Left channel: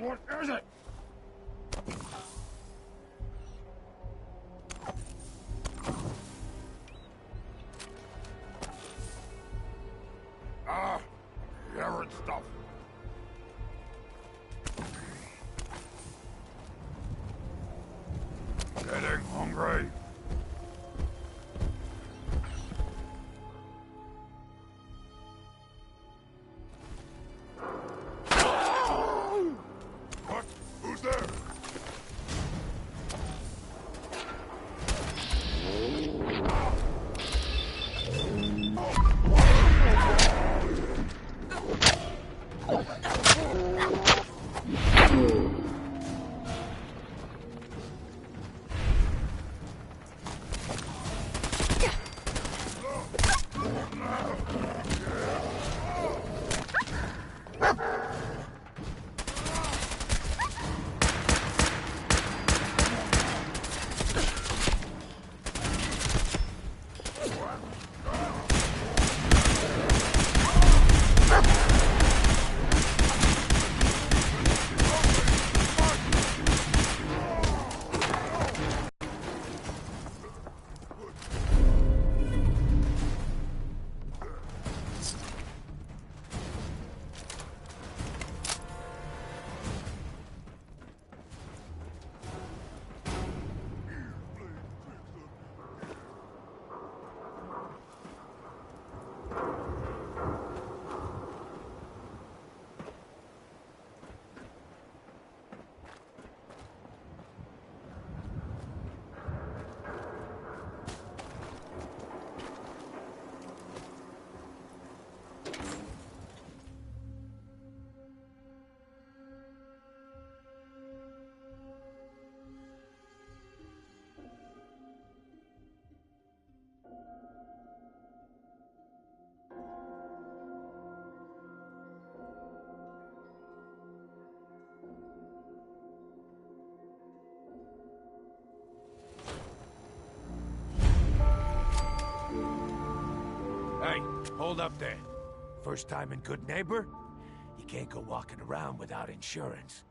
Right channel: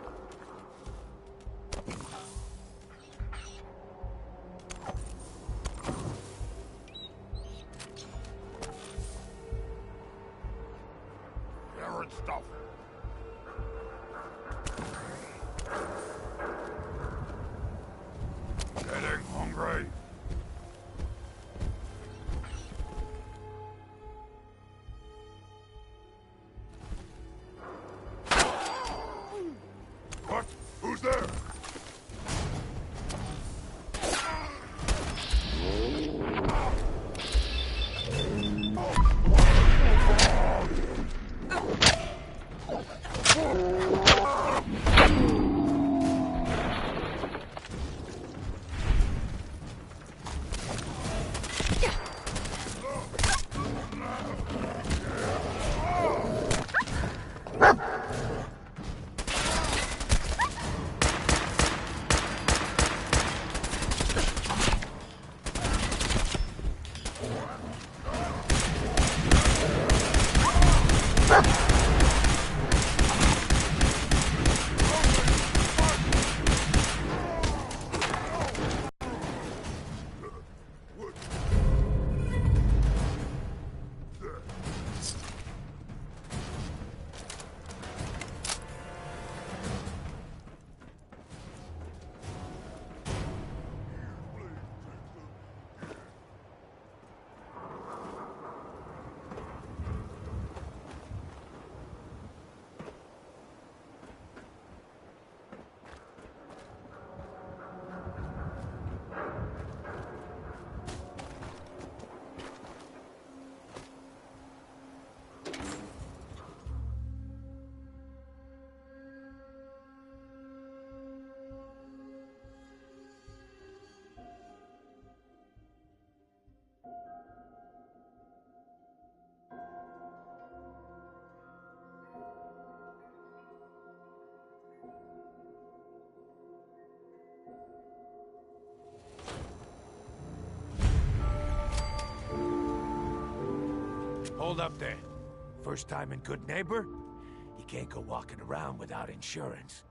What is it? Ah, carrot stuff. Getting hungry. What? Who's there? Hold up there. First time in Good Neighbor? You can't go walking around without insurance.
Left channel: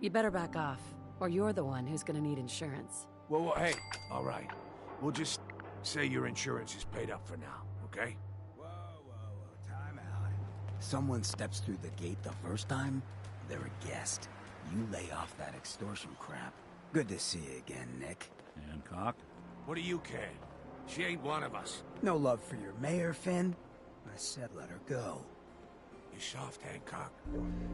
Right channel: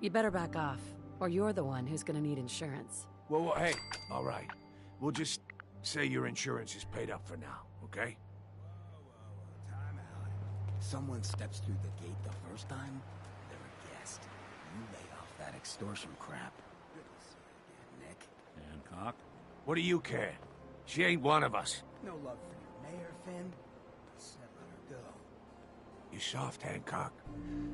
You better back off, or you're the one who's gonna need insurance. Well, hey, all right. We'll just say your insurance is paid up for now, okay? Whoa, time out. Someone steps through the gate the first time, they're a guest. You lay off that extortion crap. Good to see you again, Nick. Hancock? What do you care? She ain't one of us. No love for your mayor, Finn? I said let her go. You soft, Hancock.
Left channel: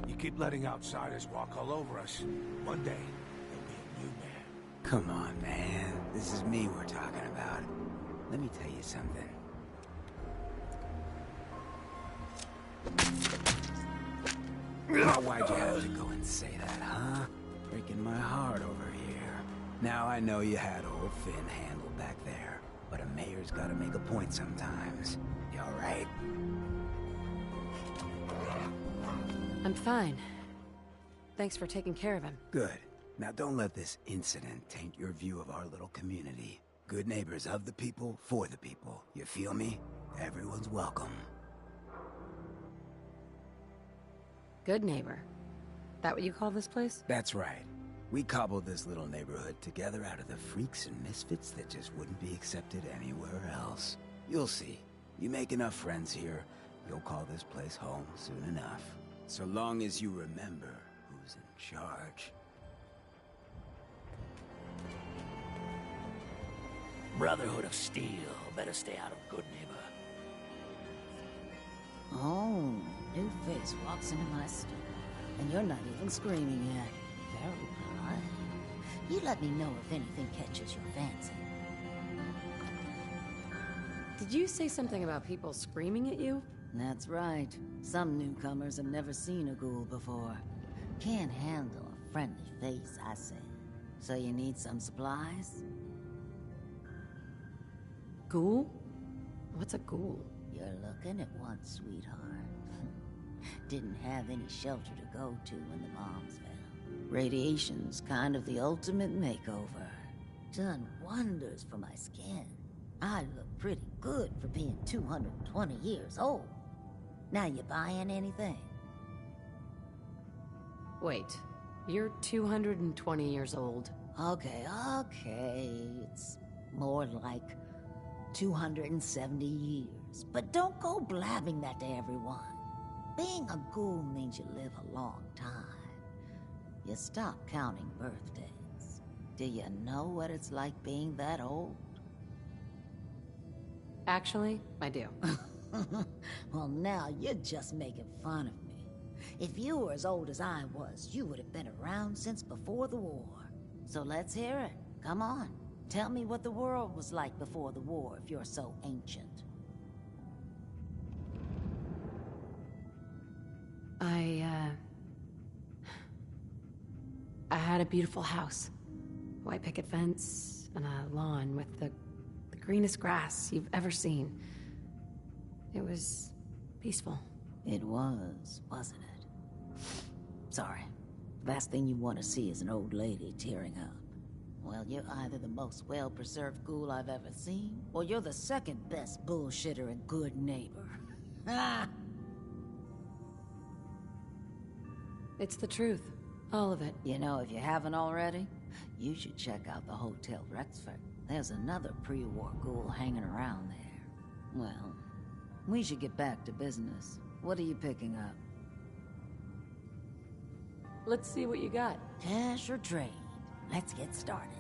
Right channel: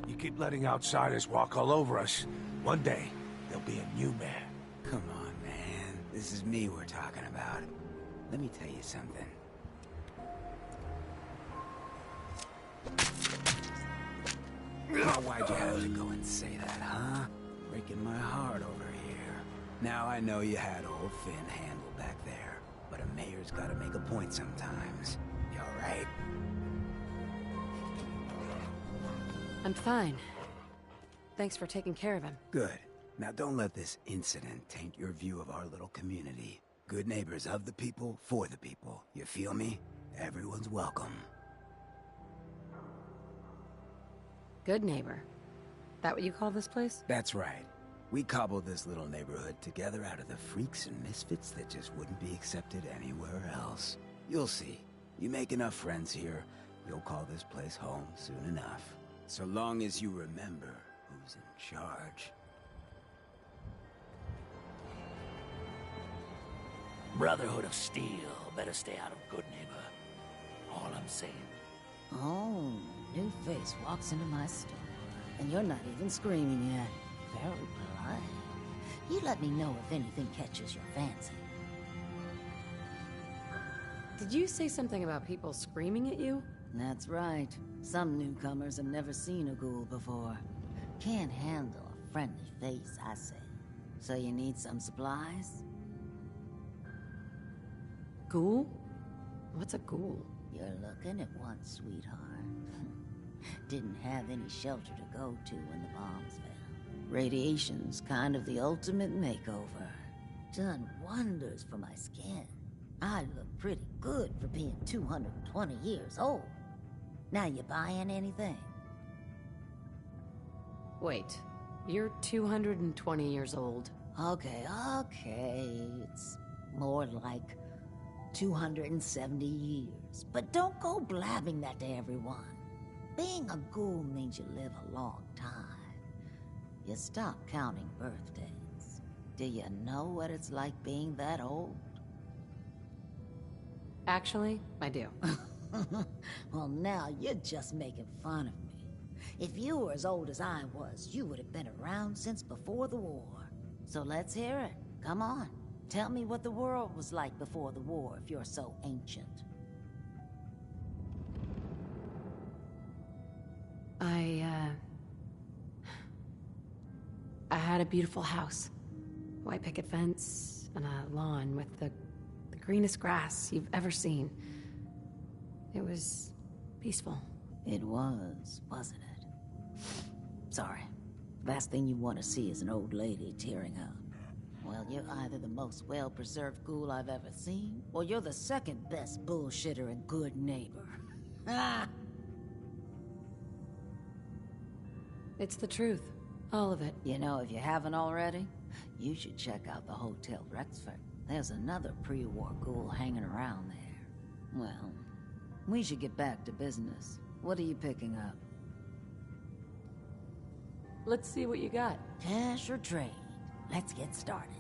You keep letting outsiders walk all over us. One day, there'll be a new mayor. Come on, man. This is me we're talking about. Let me tell you something. Now, why'd you have to go and say that, huh? Breaking my heart over here. Now I know you had old Finn handled back there, but a mayor's gotta make a point sometimes. You alright? I'm fine. Thanks for taking care of him. Good. Now don't let this incident taint your view of our little community. Good neighbors of the people, for the people. You feel me? Everyone's welcome. Good neighbor. That what you call this place? That's right. We cobbled this little neighborhood together out of the freaks and misfits that just wouldn't be accepted anywhere else. You'll see. You make enough friends here, you'll call this place home soon enough. So long as you remember who's in charge. Brotherhood of Steel. Better stay out of Good Neighbor. All I'm saying. Oh, new face walks into my store, and you're not even screaming yet. Very polite. You let me know if anything catches your fancy. Did you say something about people screaming at you? That's right. Some newcomers have never seen a ghoul before. Can't handle a friendly face, I say. So you need some supplies? Ghoul? What's a ghoul? You're looking at one, sweetheart. Didn't have any shelter to go to when the bombs fell. Radiation's kind of the ultimate makeover. Done wonders for my skin. I look pretty good for being 220 years old. Now you buying anything? Wait, you're 220 years old. Okay, okay. It's more like 270 years. But don't go blabbing that to everyone. Being a ghoul means you live a long time. You stop counting birthdays. Do you know what it's like being that old? Actually, I do. Well, now you're just making fun of me. If you were as old as I was, you would have been around since before the war. So let's hear it. Come on. Tell me what the world was like before the war if you're so ancient. I had a beautiful house. White picket fence and a lawn with the greenest grass you've ever seen. It was peaceful. It was, wasn't it? Sorry. Last thing you want to see is an old lady tearing up. Well, you're either the most well-preserved ghoul I've ever seen, or you're the second best bullshitter and good neighbor. Ah! It's the truth. All of it. You know, if you haven't already, you should check out the Hotel Rexford. There's another pre-war ghoul hanging around there. Well, we should get back to business. What are you picking up? Let's see what you got. Cash or trade? Let's get started.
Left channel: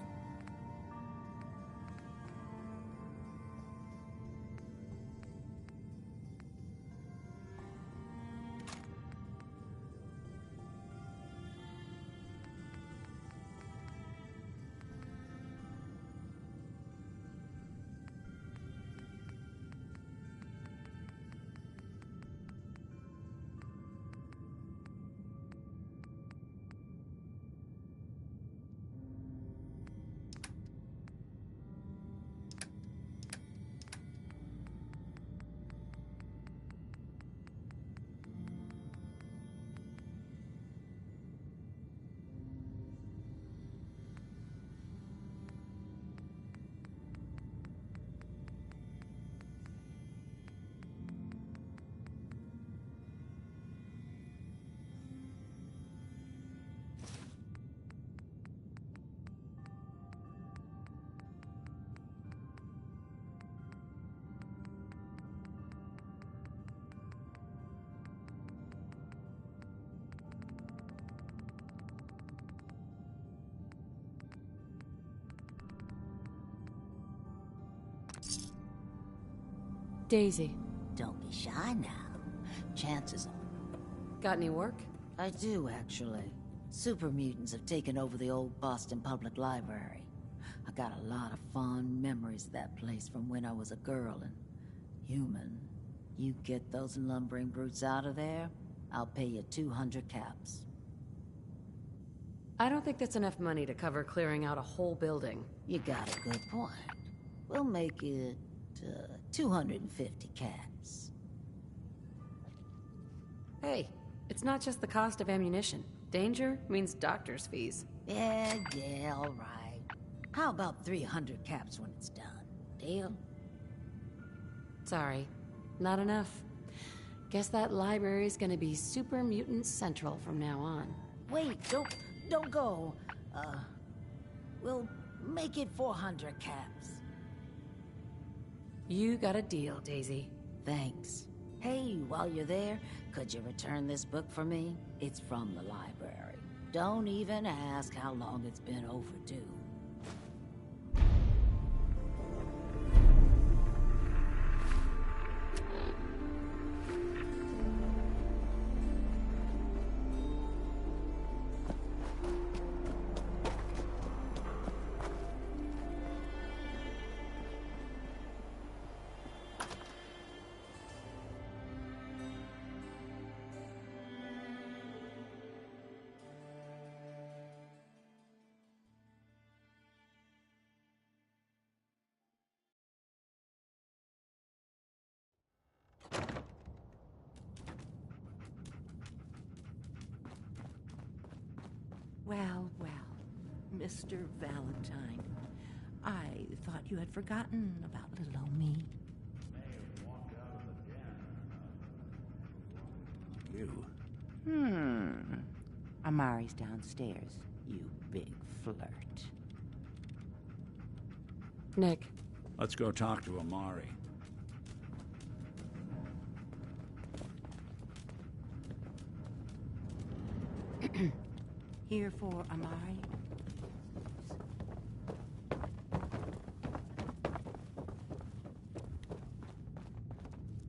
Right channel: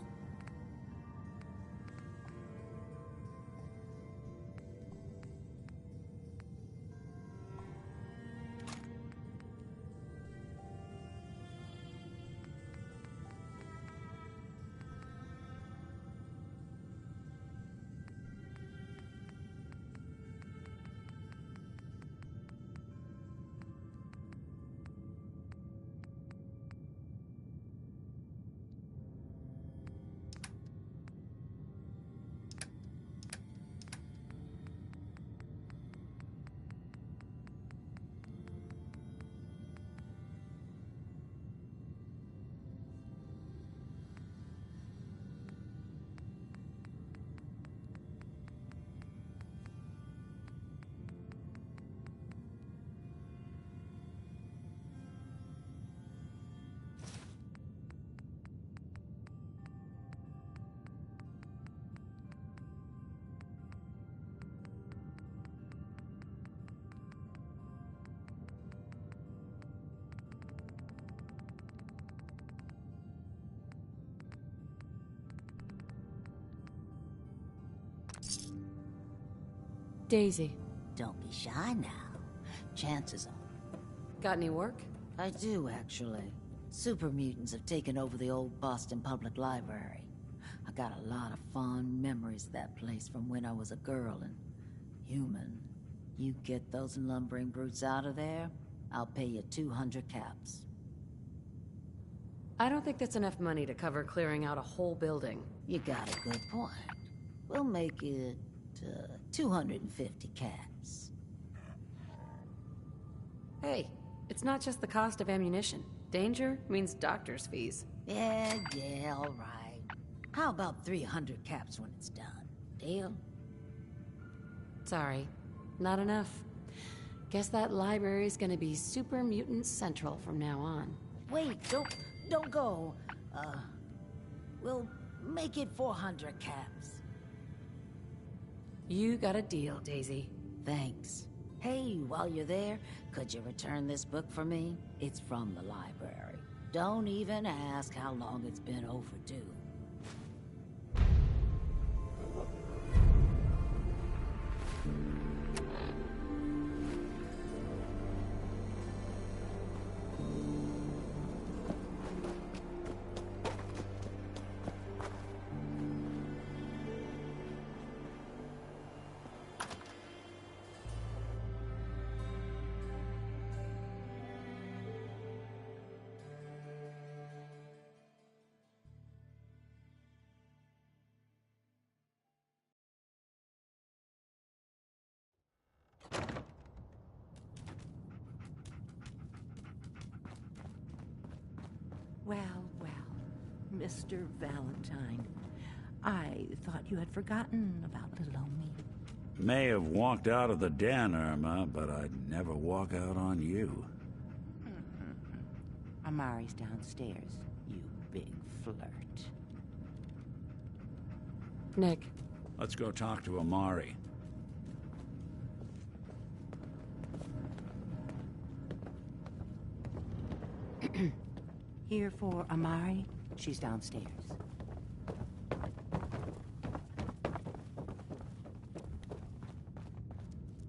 Daisy. Don't be shy now. Chances are. Got any work? I do, actually. Super mutants have taken over the old Boston Public Library. I got a lot of fond memories of that place from when I was a girl and human. You get those lumbering brutes out of there, I'll pay you 200 caps. I don't think that's enough money to cover clearing out a whole building. You got a good point. We'll make it 250 caps. Hey, it's not just the cost of ammunition. Danger means doctor's fees. Yeah, all right. How about 300 caps when it's done? Deal? Sorry, not enough. Guess that library's gonna be Super Mutant Central from now on. Wait, don't go. We'll make it 400 caps. You got a deal, Daisy. Thanks. Hey, while you're there, could you return this book for me? It's from the library. Don't even ask how long it's been overdue. Well, Mr. Valentine. I thought you had forgotten about little old me. May have walked out of the den, Irma, but I'd never walk out on you. Amari's downstairs, you big flirt. Nick, Let's go talk to Amari. Here for Amari. She's downstairs.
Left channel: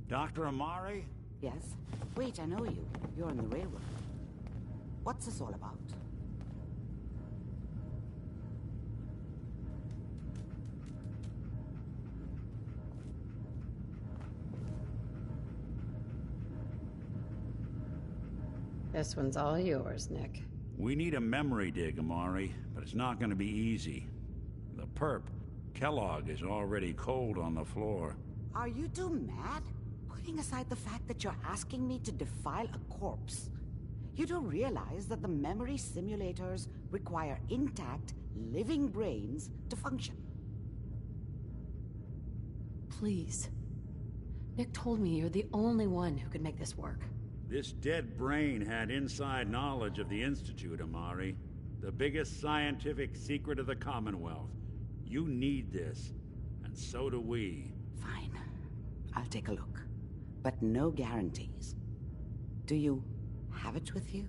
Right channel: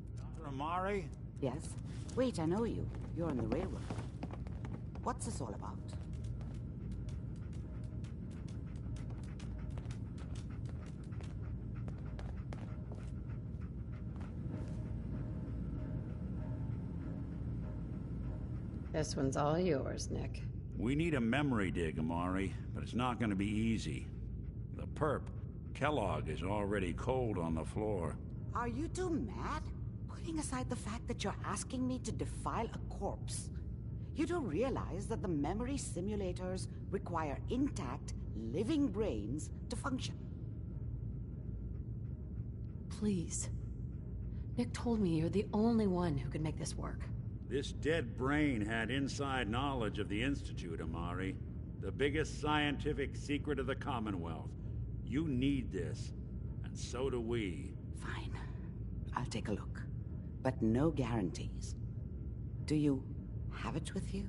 Dr. Amari? Yes? Wait, I know you. You're on the railroad. What's this all about? this one's all yours, Nick. We need a memory dig, Amari, but it's not going to be easy. The perp, Kellogg, is already cold on the floor. Are you two mad? Putting aside the fact that you're asking me to defile a corpse, you do realize that the memory simulators require intact, living brains to function. Please. Nick told me you're the only one who could make this work. This dead brain had inside knowledge of the Institute, Amari. The biggest scientific secret of the Commonwealth. You need this, and so do we. Fine. I'll take a look. But no guarantees. Do you have it with you?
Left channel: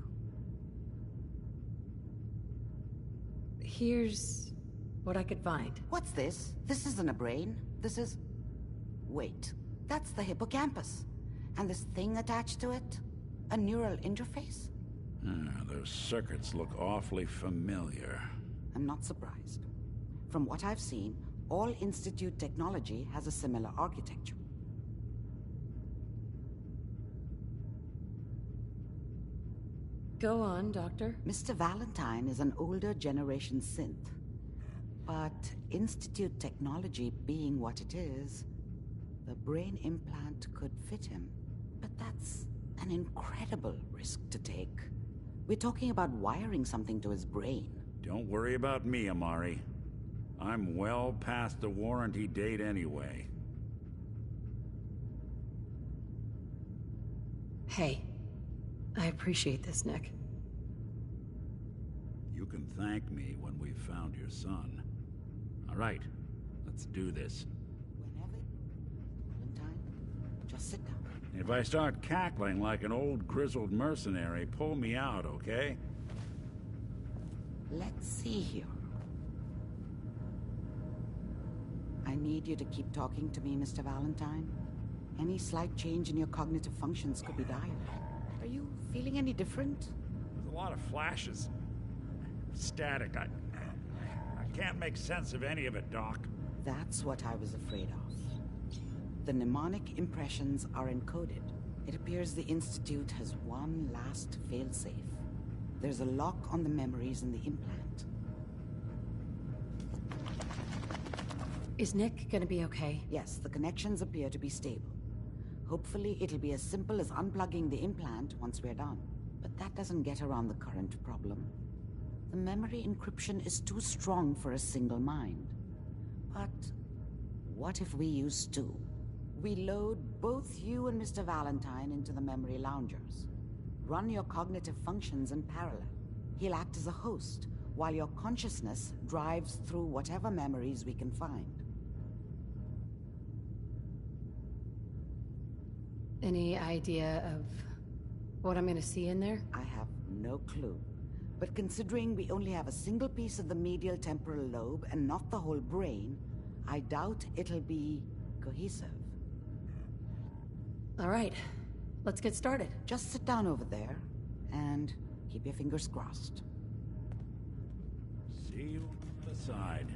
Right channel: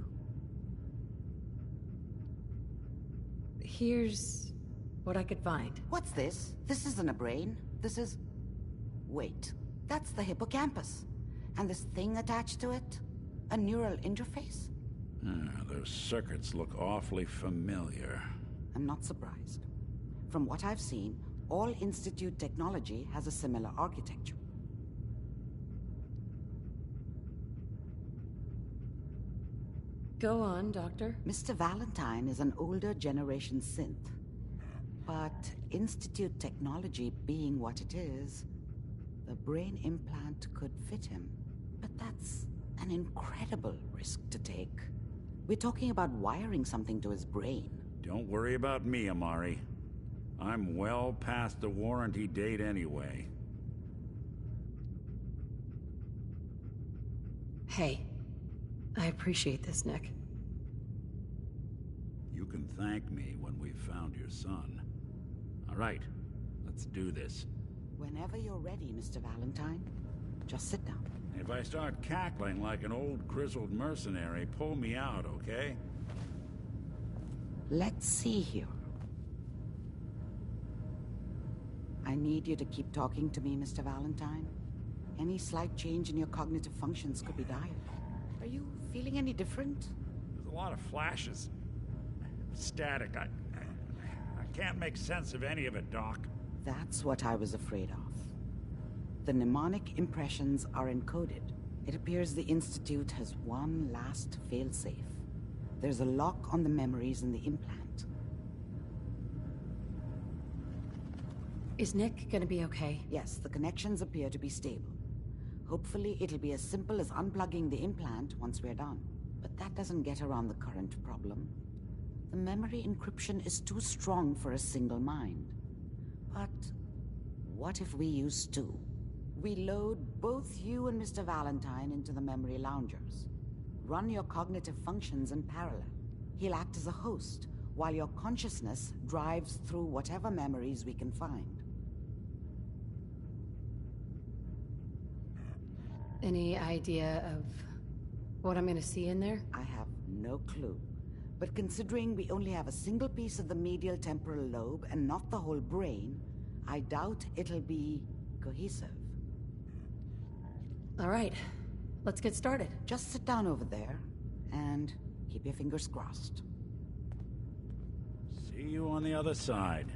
Here's what I could find. What's this? This isn't a brain. This is... Wait. That's the hippocampus. And this thing attached to it? A neural interface? Those circuits look awfully familiar. I'm not surprised. From what I've seen, all Institute technology has a similar architecture. Go on, Doctor. Mr. Valentine is an older generation synth. But Institute technology being what it is, the brain implant could fit him. But that's an incredible risk to take. We're talking about wiring something to his brain. Don't worry about me, Amari. I'm well past the warranty date anyway. Hey, I appreciate this, Nick. You can thank me when we've found your son. All right, let's do this. Whenever you're ready, Mr. Valentine, just sit down. If I start cackling like an old grizzled mercenary, pull me out, okay? Let's see here. I need you to keep talking to me, Mr. Valentine. Any slight change in your cognitive functions could be dire. Are you feeling any different? There's a lot of flashes. Static. I can't make sense of any of it, Doc. That's what I was afraid of. The mnemonic impressions are encoded. It appears the Institute has one last failsafe. There's a lock on the memories in the implant. Is Nick gonna be okay? Yes, the connections appear to be stable. Hopefully, it'll be as simple as unplugging the implant once we're done. But that doesn't get around the current problem. The memory encryption is too strong for a single mind. But what if we use two? We load both you and Mr. Valentine into the memory loungers. Run your cognitive functions in parallel. He'll act as a host, while your consciousness drives through whatever memories we can find. Any idea of what I'm gonna see in there? I have no clue. But considering we only have a single piece of the medial temporal lobe and not the whole brain, I doubt it'll be cohesive. All right, let's get started. Just sit down over there and keep your fingers crossed. See you on the other side.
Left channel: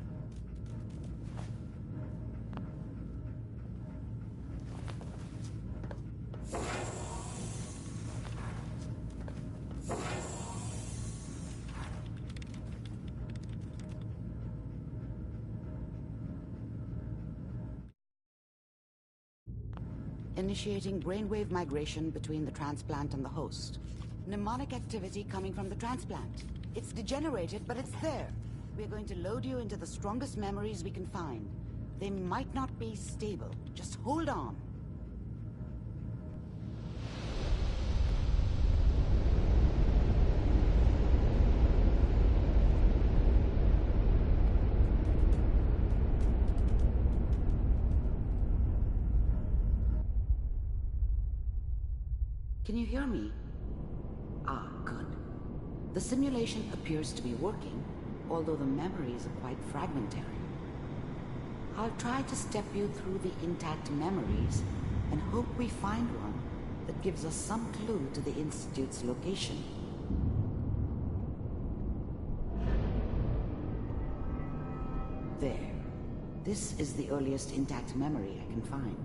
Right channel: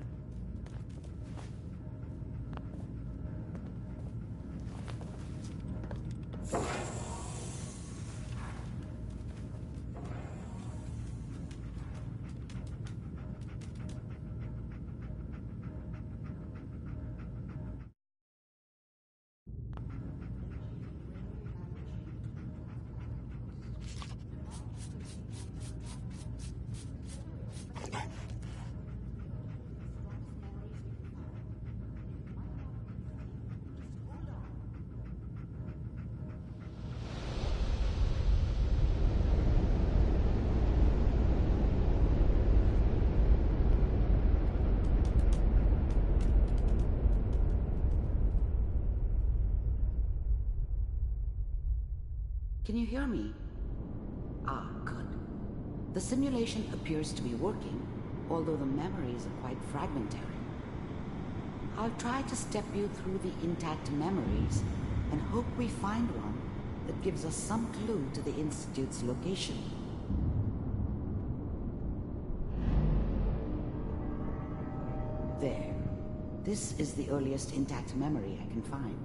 Initiating brainwave migration between the transplant and the host. Mnemonic activity coming from the transplant. It's degenerated, but it's there. We're going to load you into the strongest memories we can find. They might not be stable. Just hold on. Can you hear me? Ah, good. The simulation appears to be working, although the memories are quite fragmentary. I'll try to step you through the intact memories and hope we find one that gives us some clue to the Institute's location. There. This is the earliest intact memory I can find.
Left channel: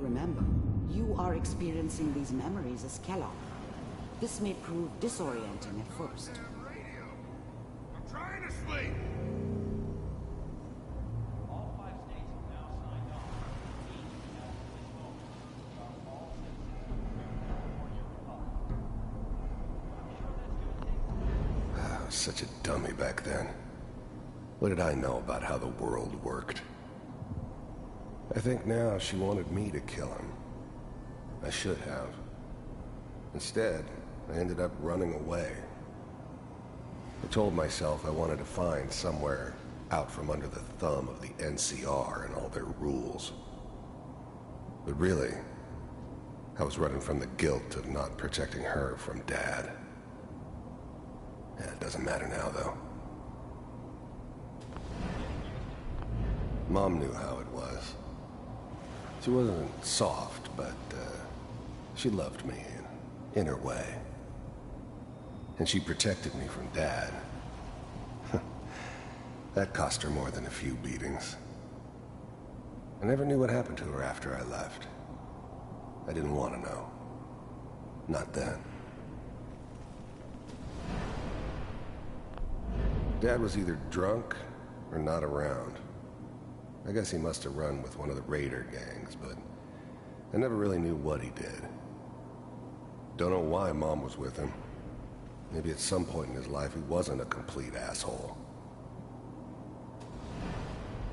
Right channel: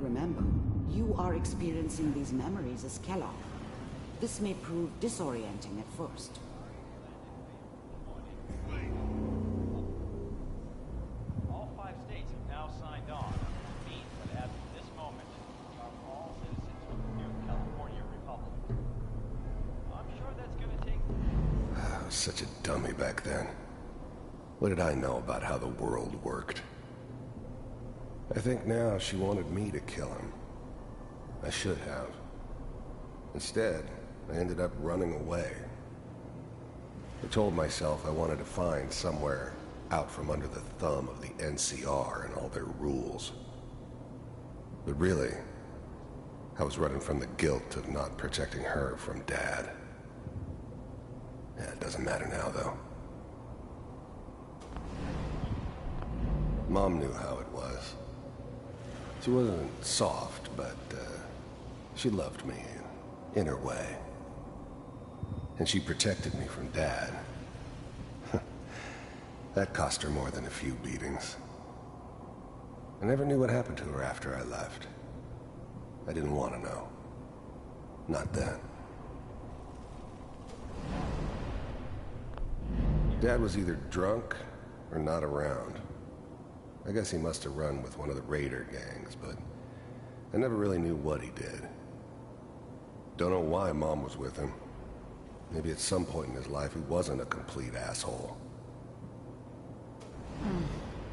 Remember, you are experiencing these memories as Kellogg. This may prove disorienting at first. I'm trying to sleep. All 5 states have now signed on, which means that as of this moment, we are all citizens of the new California Republic. I'm sure that's going to take... I was such a dummy back then. What did I know about how the world worked? I think now she wanted me to kill him. I should have. Instead, I ended up running away. I told myself I wanted to find somewhere out from under the thumb of the NCR and all their rules. But really, I was running from the guilt of not protecting her from Dad. Yeah, it doesn't matter now, though. Mom knew how it was. She wasn't soft, but she loved me in her way. And she protected me from Dad. That cost her more than a few beatings. I never knew what happened to her after I left. I didn't want to know. Not then. Dad was either drunk or not around. I guess he must have run with one of the raider gangs, but I never really knew what he did. Don't know why Mom was with him. Maybe at some point in his life he wasn't a complete asshole.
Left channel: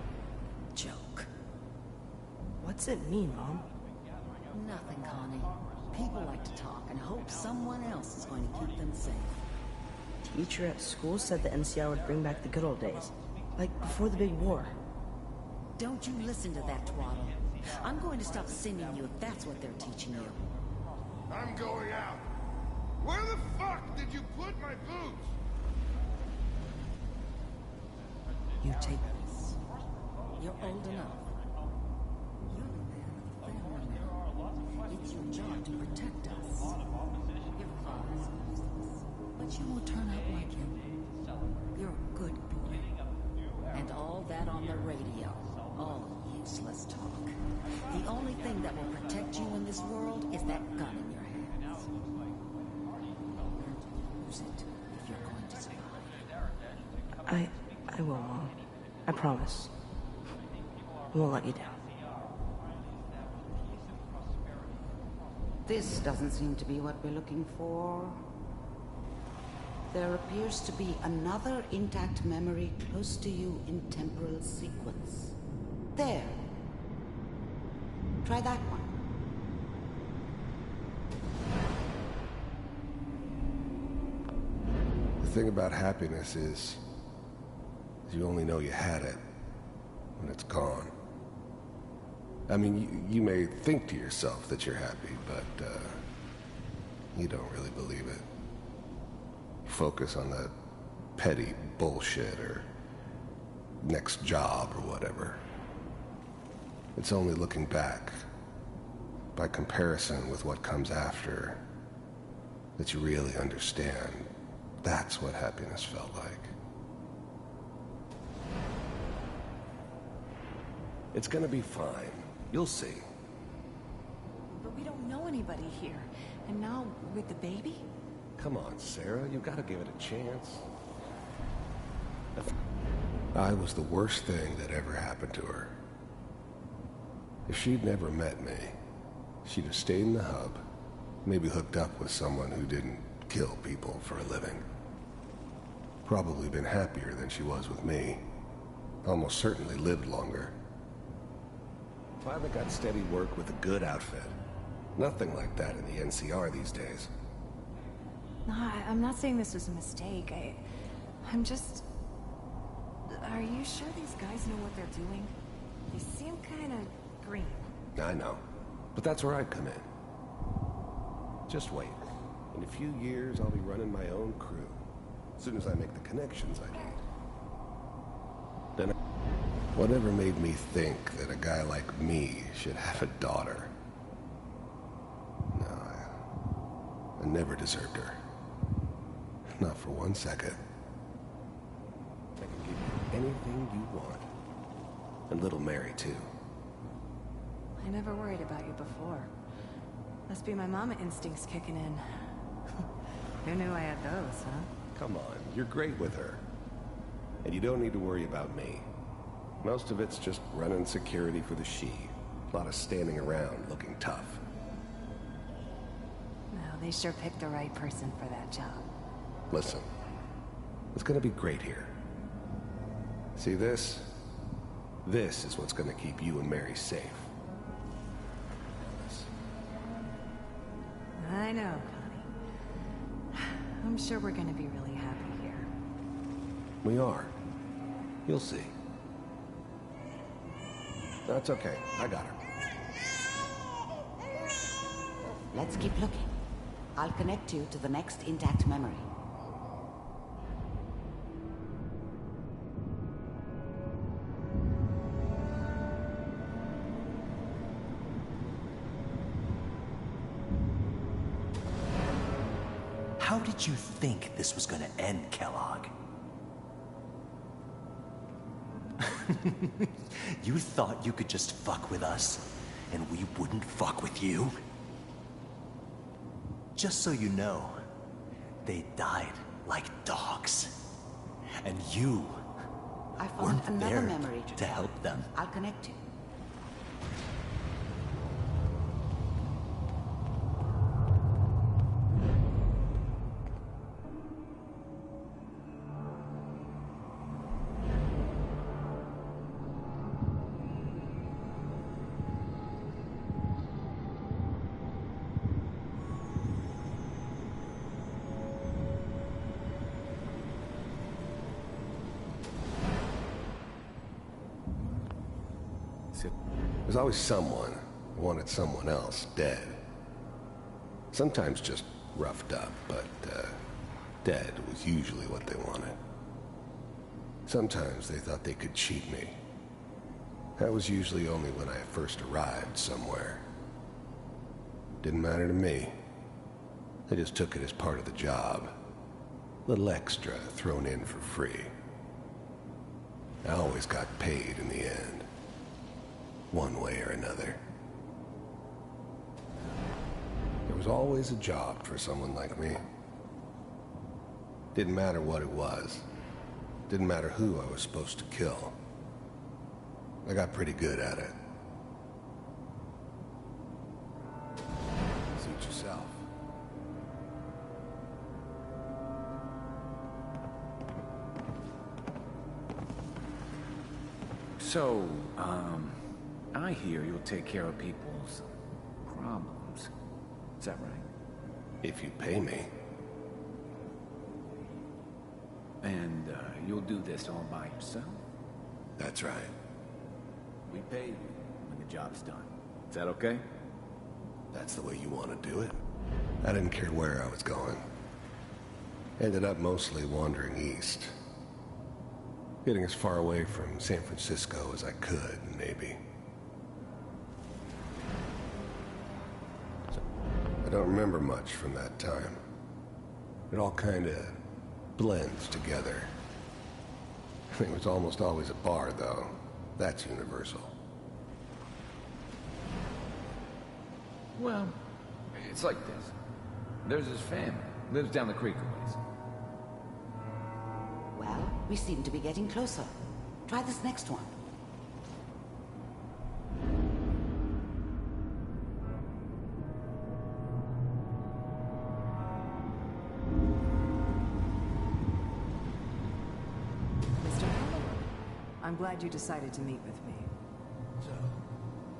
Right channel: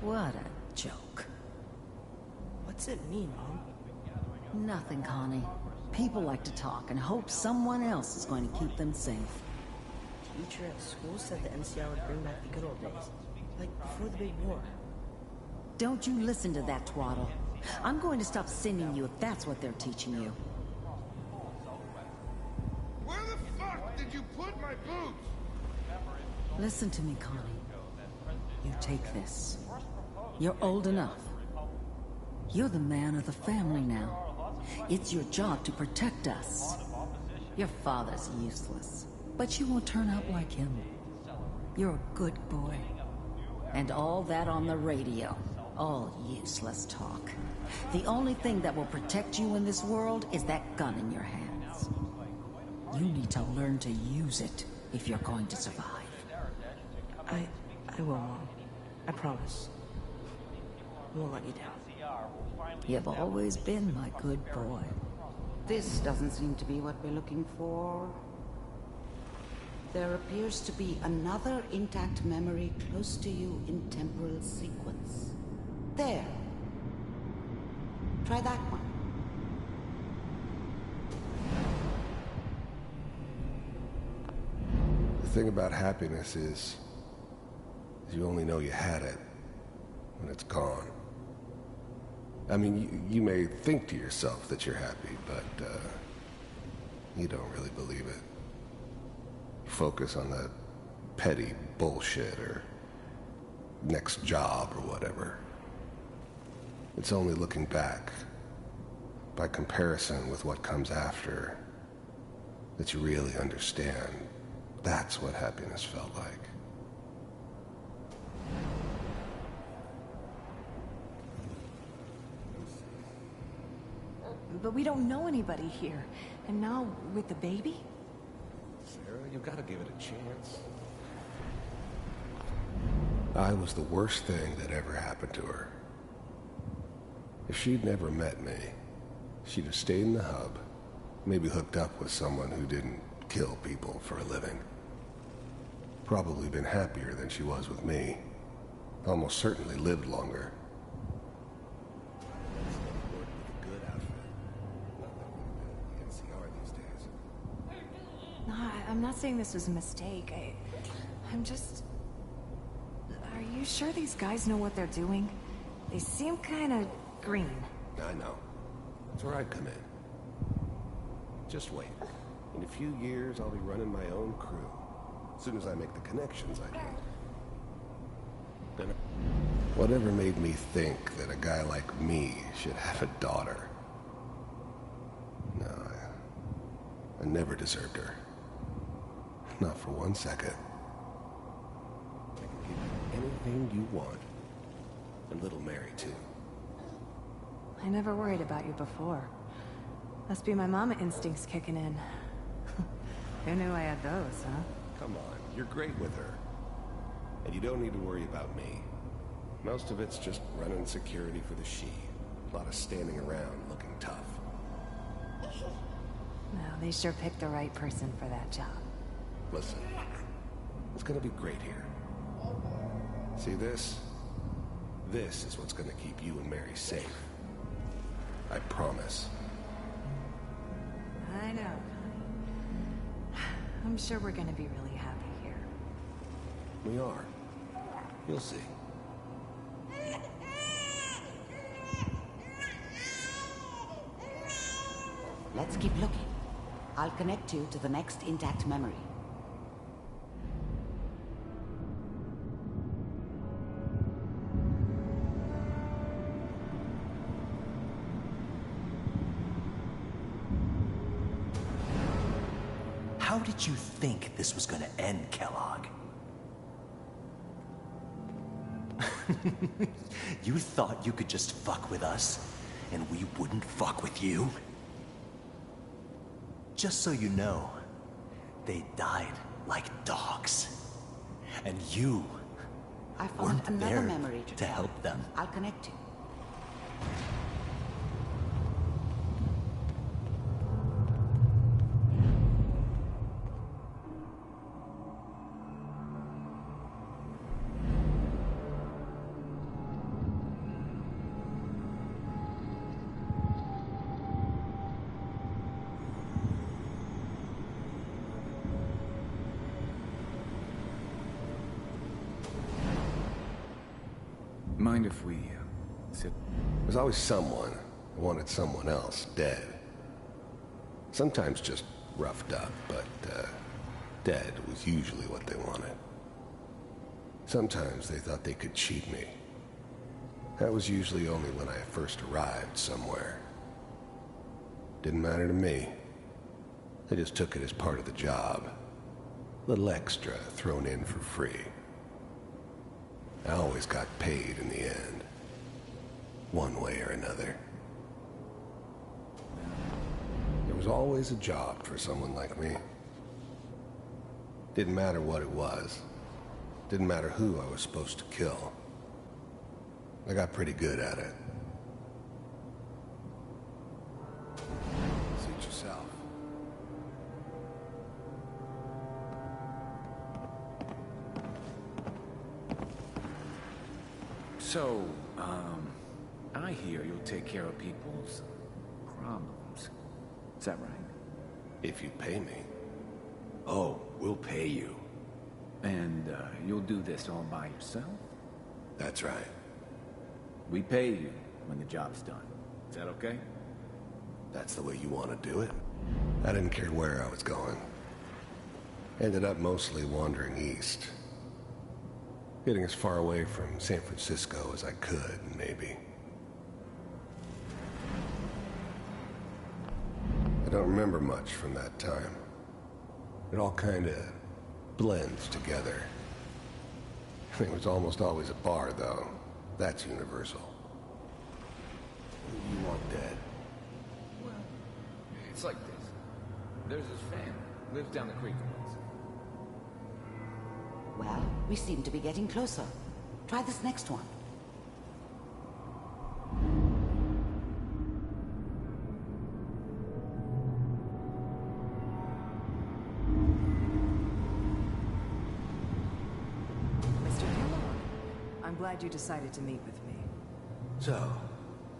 What a joke. What's it mean, Mom? Nothing, Connie. People like to talk and hope someone else is going to keep them safe. Teacher at school said the NCR would bring back the good old days. Like before the big war. Don't you listen to that twaddle. I'm going to stop sending you if that's what they're teaching you. I'm going out. Where the fuck did you put my boots? Listen to me, Connie. You take this. You're old enough. You're the man of the family now. It's your job to protect us. Your father's useless, but you won't turn out like him. You're a good boy. And all that on the radio. All useless talk. The only thing that will protect you in this world is that gun in your hands. You need to learn to use it if you're going to survive. I will, Mom. I promise. I won't let you down. You've always been my good boy. This doesn't seem to be what we're looking for. There appears to be another intact memory close to you in temporal sequence. There. Try that one. The thing about happiness is you only know you had it when it's gone. I mean, you may think to yourself that you're happy, but you don't really believe it. You focus on that petty bullshit or next job or whatever. It's only looking back, by comparison with what comes after, that you really understand. That's what happiness felt like. It's gonna be fine. You'll see. But we don't know anybody here. And now, with the baby? Come on, Sarah. You've got to give it a chance. I was the worst thing that ever happened to her. If she'd never met me, she'd have stayed in the hub, maybe hooked up with someone who didn't kill people for a living. Probably been happier than she was with me. Almost certainly lived longer. Finally got steady work with a good outfit. Nothing like that in the NCR these days. No, I'm not saying this was a mistake. I'm just... Are you sure these guys know what they're doing? They seem kind of green. I know, but that's where I come in. Just wait. In a few years, I'll be running my own crew. As soon as I make the connections I need. Then, whatever made me think that a guy like me should have a daughter? No, I never deserved her. Not for 1 second. I can give you anything you want. And little Mary, too. I never worried about you before. Must be my mama instincts kicking in. Who knew I had those, huh? Come on, you're great with her. And you don't need to worry about me. Most of it's just running security for the she. A lot of standing around looking tough. Well, they sure picked the right person for that job. Listen, it's gonna be great here. See this? This is what's gonna keep you and Mary safe. I promise. I know, Connie. I'm sure we're gonna be really happy here. We are. You'll see. That's okay. I got her. Let's keep looking. I'll connect you to the next intact memory. How did you think this was gonna end, Kellogg? You thought you could just fuck with us, and we wouldn't fuck with you? Just so you know, they died like dogs. And you I found weren't another there memory to help them. I'll connect you. Mind if we sit? There's always someone who wanted someone else dead. Sometimes just roughed up, but dead was usually what they wanted. Sometimes they thought they could cheat me. That was usually only when I first arrived somewhere. Didn't matter to me. They just took it as part of the job. Little extra thrown in for free. I always got paid in the end. One way or another. There was always a job for someone like me. Didn't matter what it was. Didn't matter who I was supposed to kill. I got pretty good at it. Suit yourself. So, I hear you'll take care of people's problems. Is that right? If you pay me. Oh, we'll pay you. And, you'll do this all by yourself? That's right. We pay you when the job's done. Is that okay? That's the way you want to do it? I didn't care where I was going. Ended up mostly wandering east. Getting as far away from San Francisco as I could, maybe. I don't remember much from that time. It all kinda blends together. It was almost always a bar, though. That's universal. You want dead? Well, it's like this. There's his family. Lives down the creek a ways. Well, we seem to be getting closer. Try this next one. Mr. Kellogg, I'm glad you decided to meet with me. So,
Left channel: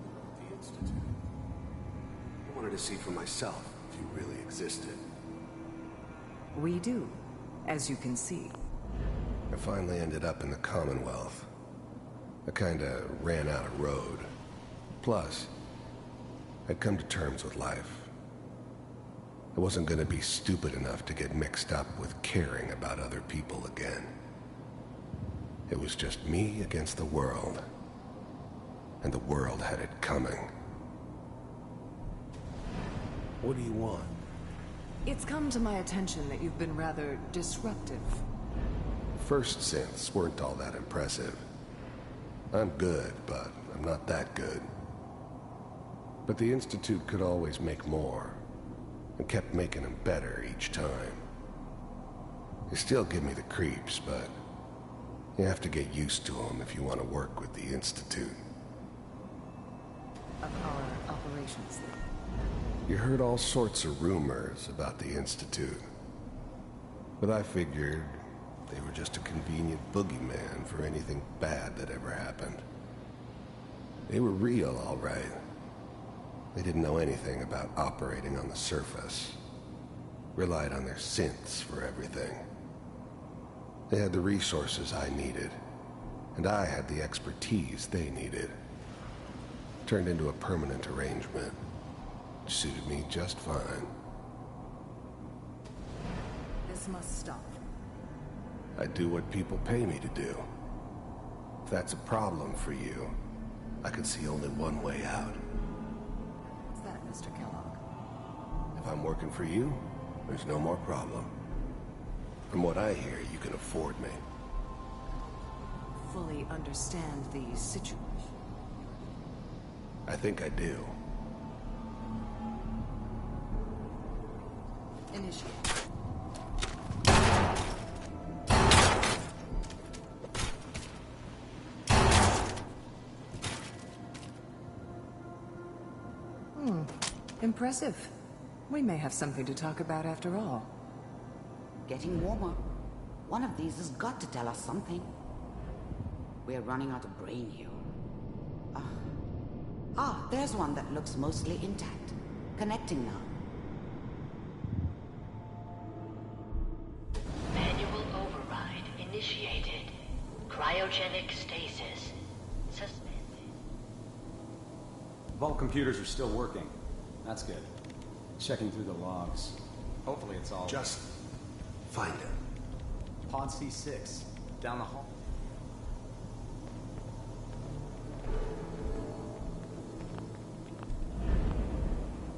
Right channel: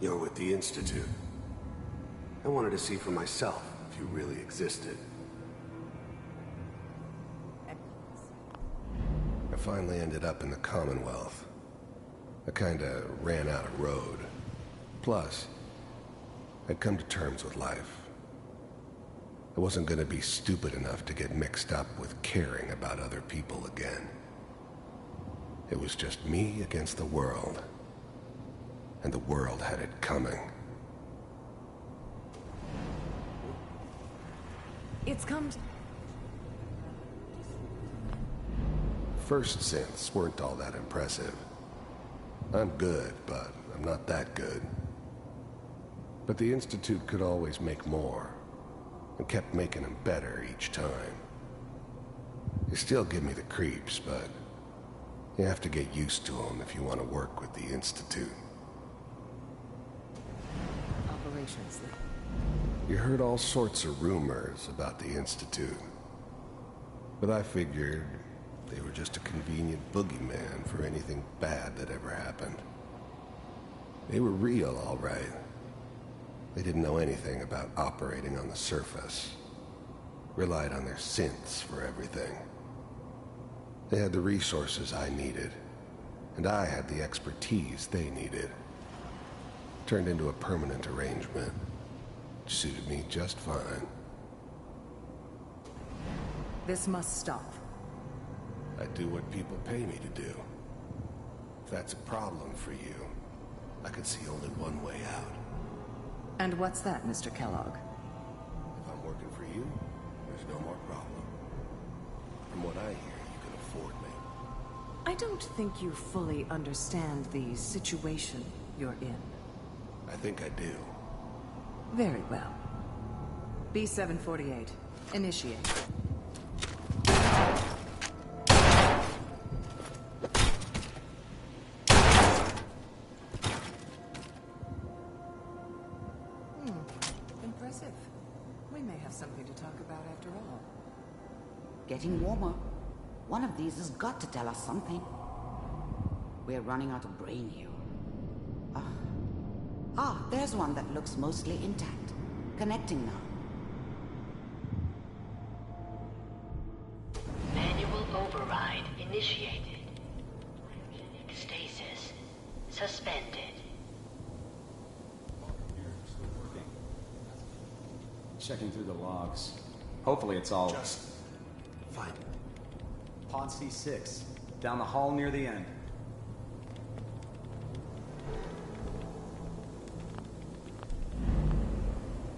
you're with the Institute. I wanted to see for myself if you really existed. We do, as you can see. I finally ended up in the Commonwealth. I kinda ran out of road. Plus, I'd come to terms with life. I wasn't gonna be stupid enough to get mixed up with caring about other people again. It was just me against the world. And the world had it coming. What do you want? It's come to my attention that you've been rather disruptive. First synths weren't all that impressive. I'm good, but I'm not that good. But the Institute could always make more, and kept making them better each time. They still give me the creeps, but you have to get used to them if you want to work with the Institute. Of our operations, then. You heard all sorts of rumors about the Institute. But I figured they were just a convenient boogeyman for anything bad that ever happened. They were real, all right. They didn't know anything about operating on the surface. Relied on their synths for everything. They had the resources I needed, and I had the expertise they needed. Turned into a permanent arrangement. Suited me just fine. This must stop. I do what people pay me to do. If that's a problem for you, I could see only one way out. And what's that, Mr. Kellogg? If I'm working for you, there's no more problem. From what I hear, you can afford me. I don't think you fully understand the situation you're in. I think I do. Very well. B-748. Initiate. Impressive. We may have something to talk about after all. Getting warmer. One of these has got to tell us something. We're running out of brain here. There's one that looks mostly intact. Connecting now. Manual override initiated. Cryogenic stasis suspended. Vault computers are still working. That's good. Checking through the logs. Hopefully it's all... Just find it. Pod C6. Down the hall near the end.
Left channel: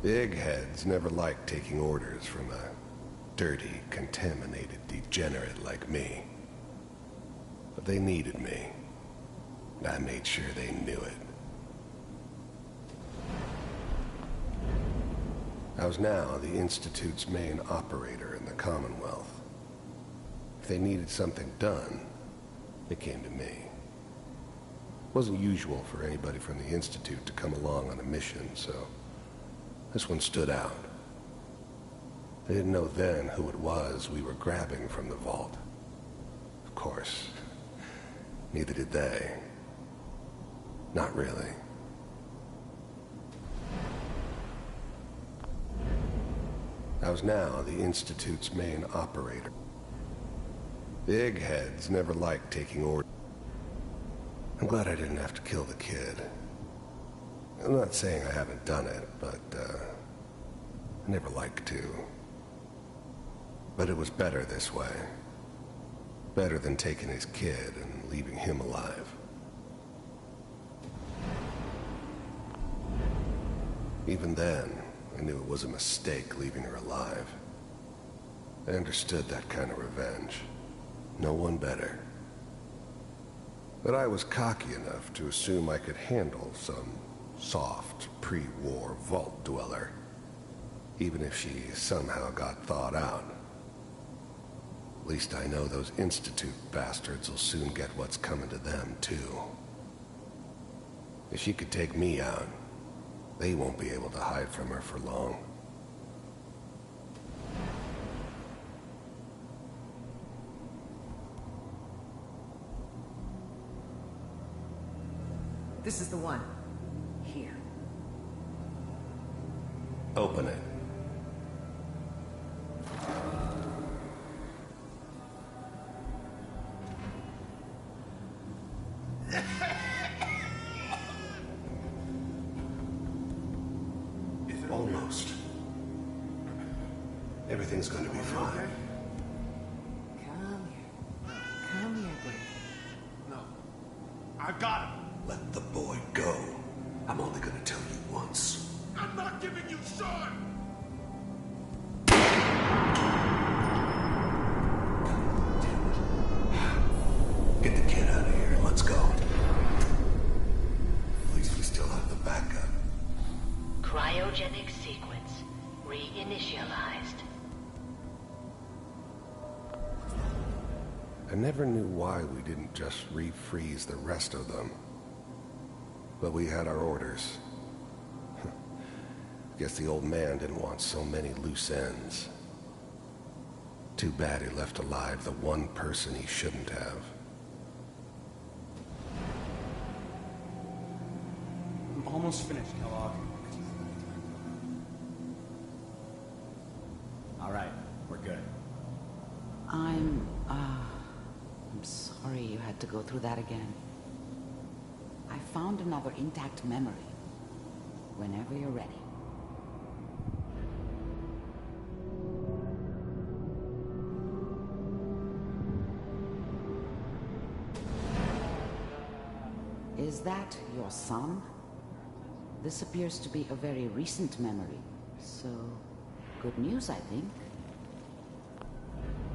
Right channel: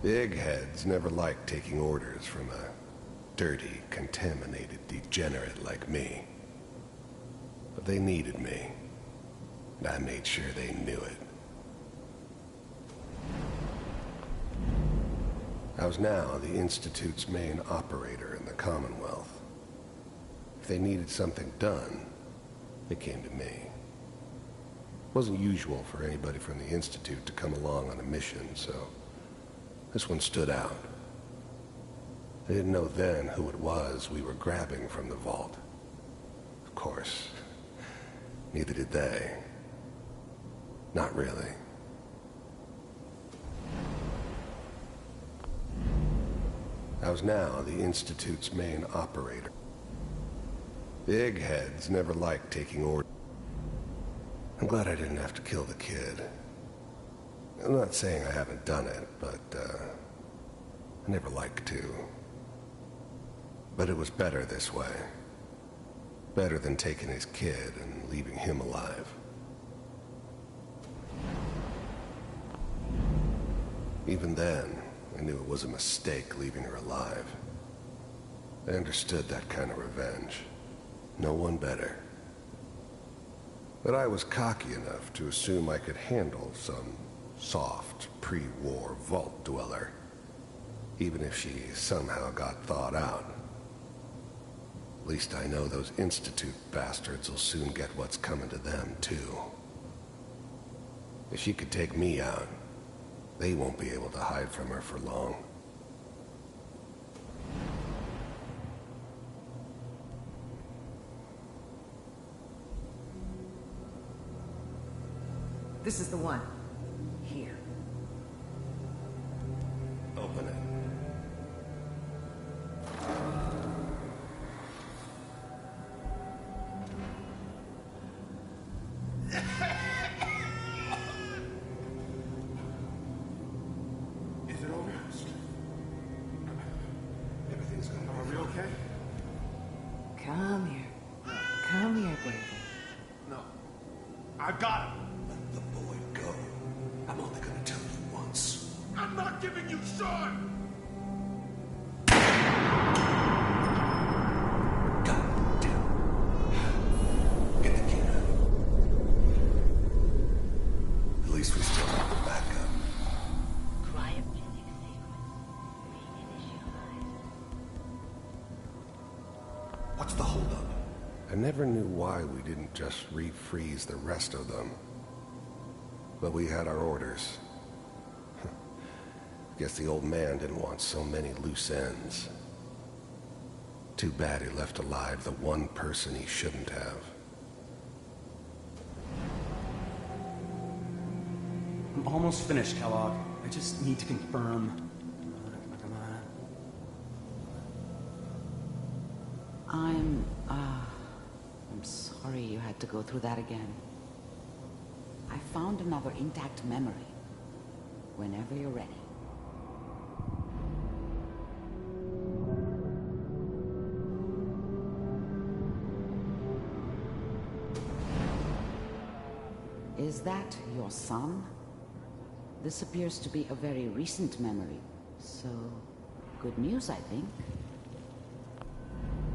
The eggheads never liked taking orders from a dirty, contaminated degenerate like me. But they needed me, and I made sure they knew it. I was now the Institute's main operator in the Commonwealth. If they needed something done, they came to me. It wasn't usual for anybody from the Institute to come along on a mission, so this one stood out. They didn't know then who it was we were grabbing from the vault. Of course, neither did they. Not really. I was now the Institute's main operator. The eggheads never liked taking orders. I'm glad I didn't have to kill the kid. I'm not saying I haven't done it, but, I never liked to. But it was better this way. Better than taking his kid and leaving him alive. Even then, I knew it was a mistake leaving her alive. I understood that kind of revenge. No one better. But I was cocky enough to assume I could handle some soft, pre-war vault dweller, even if she somehow got thawed out. At least I know those Institute bastards will soon get what's coming to them, too. If she could take me out, they won't be able to hide from her for long. This is the one. Here. Open it. Is it Almost. Everything's gonna be fine. okay? Come here. Come here, David. No. I've got him. Let the boy go. I'm only gonna tell you once. I'm not giving you Sean! God damn it. Get the kid out of here and let's go. At least we still have the backup. Cryogenic sequence reinitialized. What's the holdup? I never knew why we didn't just refreeze the rest of them. But we had our orders. Guess the old man didn't want so many loose ends. Too bad he left alive the one person he shouldn't have. I'm almost finished, Kellogg. I just need to confirm. All right, we're good. I'm sorry you had to go through that again. I found another intact memory. Whenever you're ready. Is that your son? This appears to be a very recent memory, so good news, I think.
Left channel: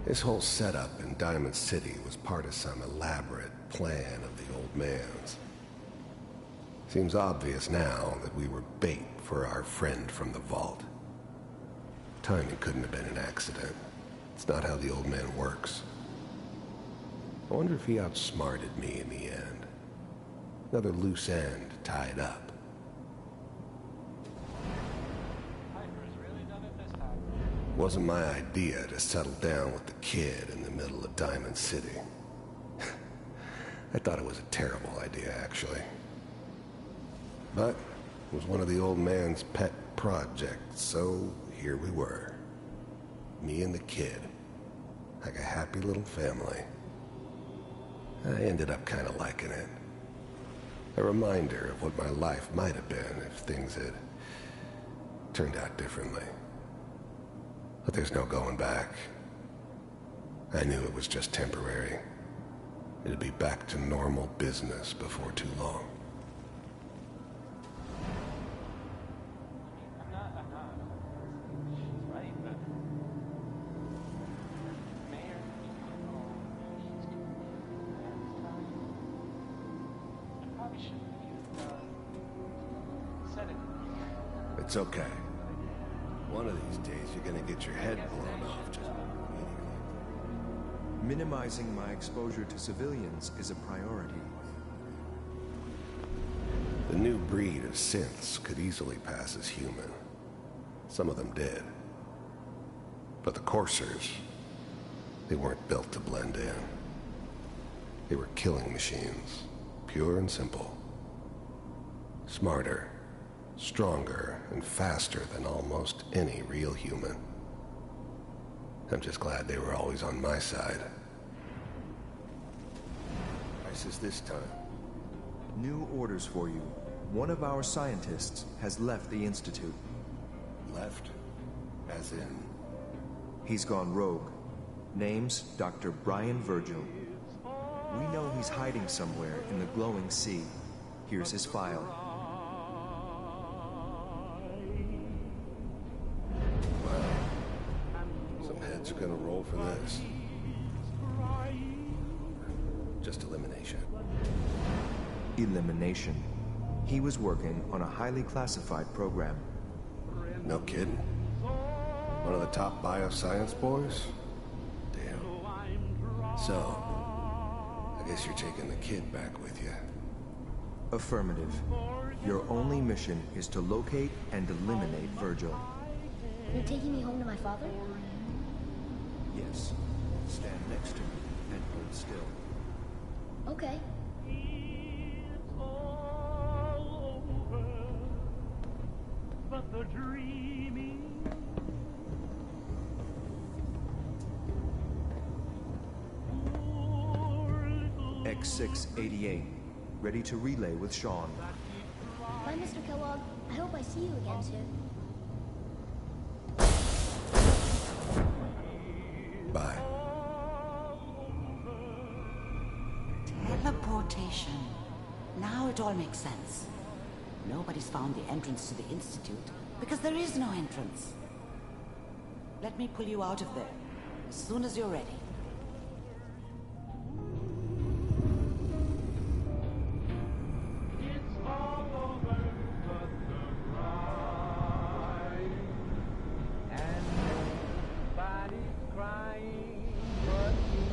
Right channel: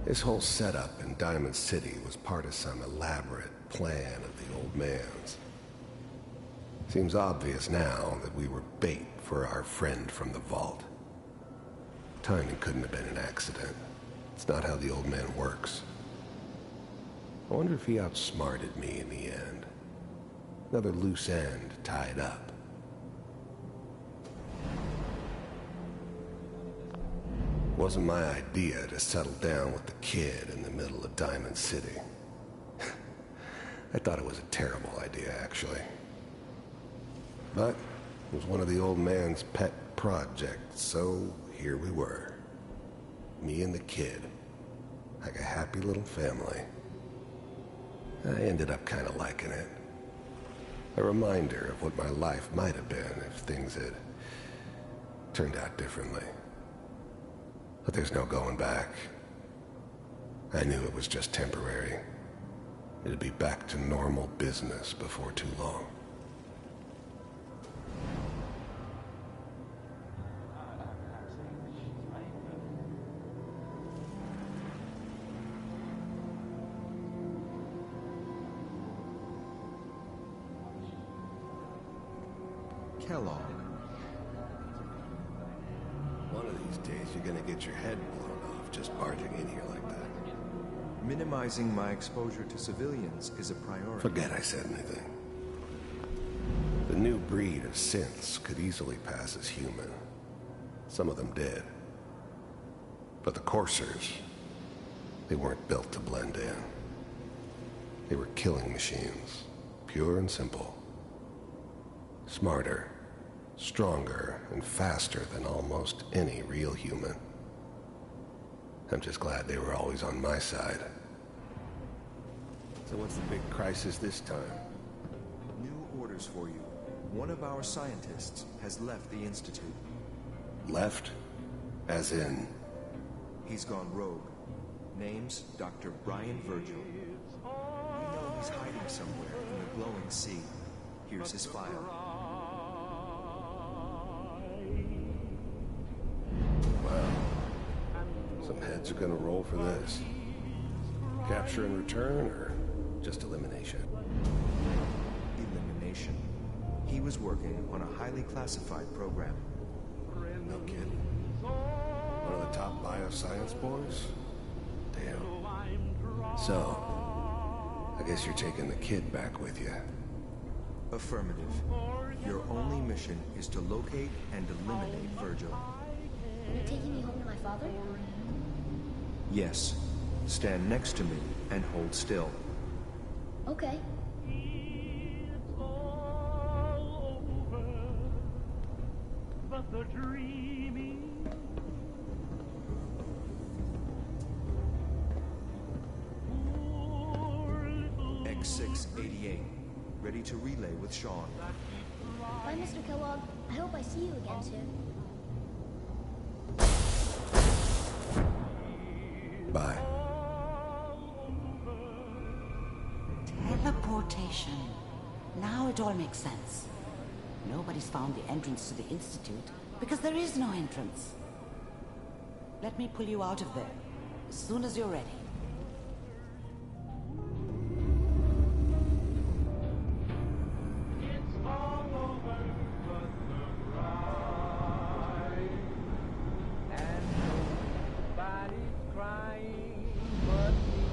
His whole setup in Diamond City was part of some elaborate plan of the old man's. Seems obvious now that we were bait for our friend from the vault. Timing couldn't have been an accident. It's not how the old man works. I wonder if he outsmarted me in the end. Another loose end tied up. Wasn't my idea to settle down with the kid in the middle of Diamond City. I thought it was a terrible idea, actually. But it was one of the old man's pet projects, so here we were. Me and the kid. Like a happy little family. I ended up kind of liking it. A reminder of what my life might have been if things had turned out differently. But there's no going back. I knew it was just temporary. It'd be back to normal business before too long. Kellogg. It's okay. One of these days, you're gonna get your head blown off just barging in here like that. Minimizing my exposure to civilians is a priority. Forget I said anything. The new breed of synths could easily pass as human. Some of them did. But the coursers, they weren't built to blend in. They were killing machines, pure and simple. Smarter, stronger, and faster than almost any real human. I'm just glad they were always on my side. So what's the big crisis this time? New orders for you. One of our scientists has left the Institute. Left? As in? He's gone rogue. Name's Dr. Brian Virgil. We know he's hiding somewhere in the glowing sea. Here's his file. Wow. Some heads are gonna roll for this. Capture in return, or just elimination? Elimination. He was working on a highly classified program. No kidding. One of the top bioscience boys? Damn. So, I guess you're taking the kid back with you. Affirmative. Your only mission is to locate and eliminate Virgil. You're taking me home to my father? Yes. Stand next to me and hold still. Okay. but the dreaming. X688, ready to relay with Sean. Bye, Mr. Kellogg. I hope I see you again soon. Bye. Teleportation. Now it all makes sense. Nobody's found the entrance to the Institute because there is no entrance. Let me pull you out of there as soon as you're ready. It's all over but the crying, and nobody's crying but me.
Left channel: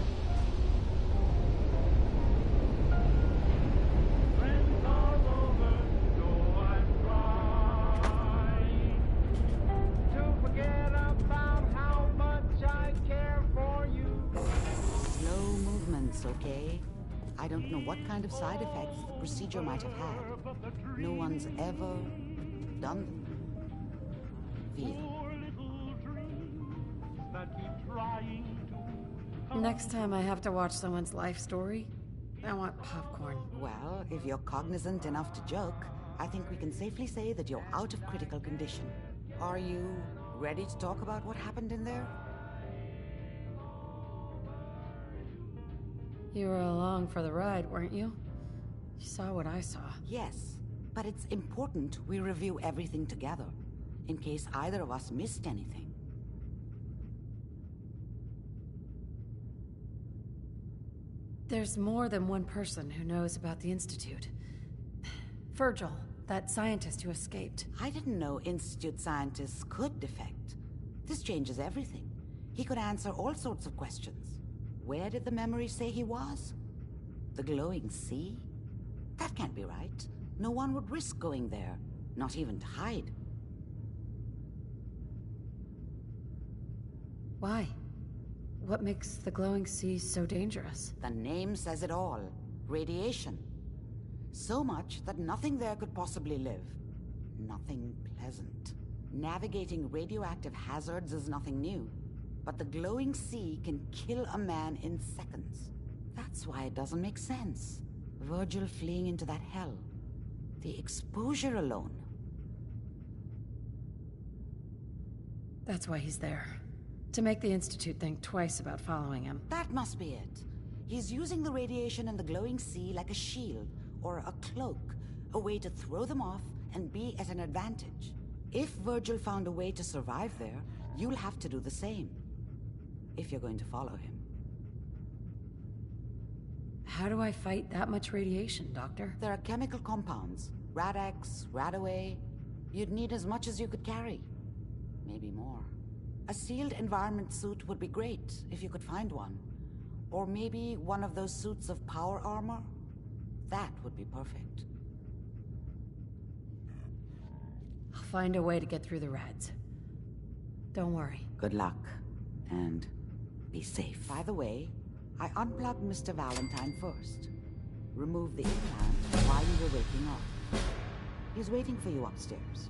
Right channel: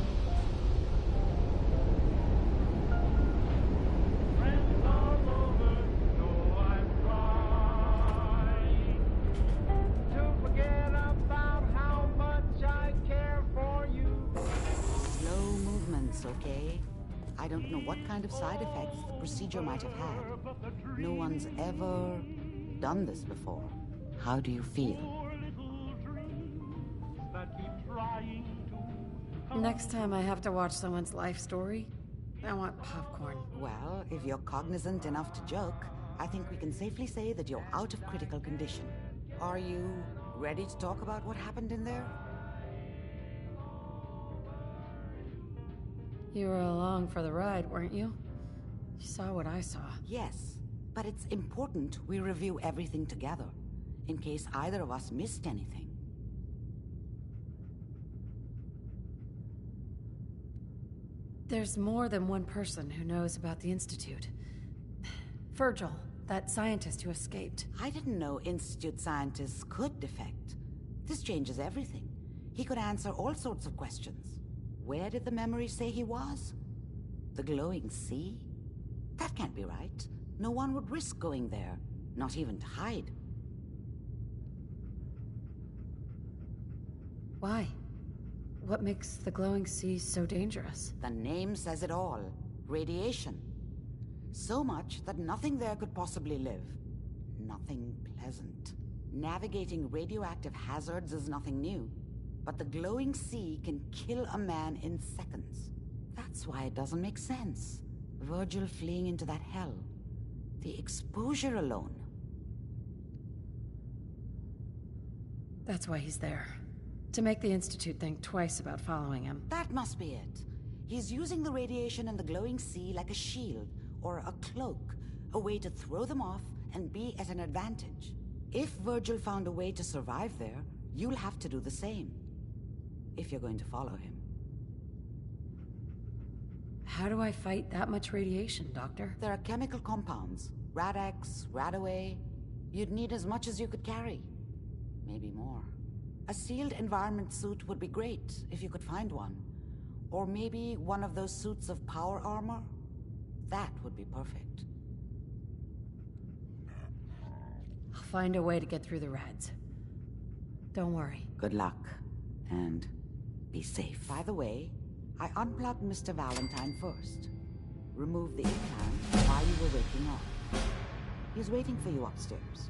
Friends all over, know I'm trying to forget about how much I care for you. Slow movements, okay? I don't know what kind of side effects the procedure might have had. No one's ever done this before. How do you feel? Next time I have to watch someone's life story, I want popcorn. Well, if you're cognizant enough to joke, I think we can safely say that you're out of critical condition. Are you ready to talk about what happened in there? You were along for the ride, weren't you? You saw what I saw. Yes, but it's important we review everything together, in case either of us missed anything. There's more than one person who knows about the Institute. Virgil, that scientist who escaped. I didn't know Institute scientists could defect. This changes everything. He could answer all sorts of questions. Where did the memory say he was? The glowing sea? That can't be right. No one would risk going there, not even to hide. Why? What makes the glowing sea so dangerous? The name says it all. Radiation. So much that nothing there could possibly live. Nothing pleasant. Navigating radioactive hazards is nothing new. But the glowing sea can kill a man in seconds. That's why it doesn't make sense. Virgil fleeing into that hell. The exposure alone. That's why he's there. To make the Institute think twice about following him. That must be it. He's using the radiation and the glowing sea like a shield, or a cloak, a way to throw them off and be at an advantage. If Virgil found a way to survive there, you'll have to do the same. If you're going to follow him. How do I fight that much radiation, Doctor? There are chemical compounds. Rad-X, Radaway. You'd need as much as you could carry. Maybe more. A sealed environment suit would be great, if you could find one. Or maybe one of those suits of power armor? That would be perfect. I'll find a way to get through the rads. Don't worry. Good luck. And be safe. By the way, I unplugged Mr. Valentine first. Removed the implant while you were waking up. He's waiting for you upstairs.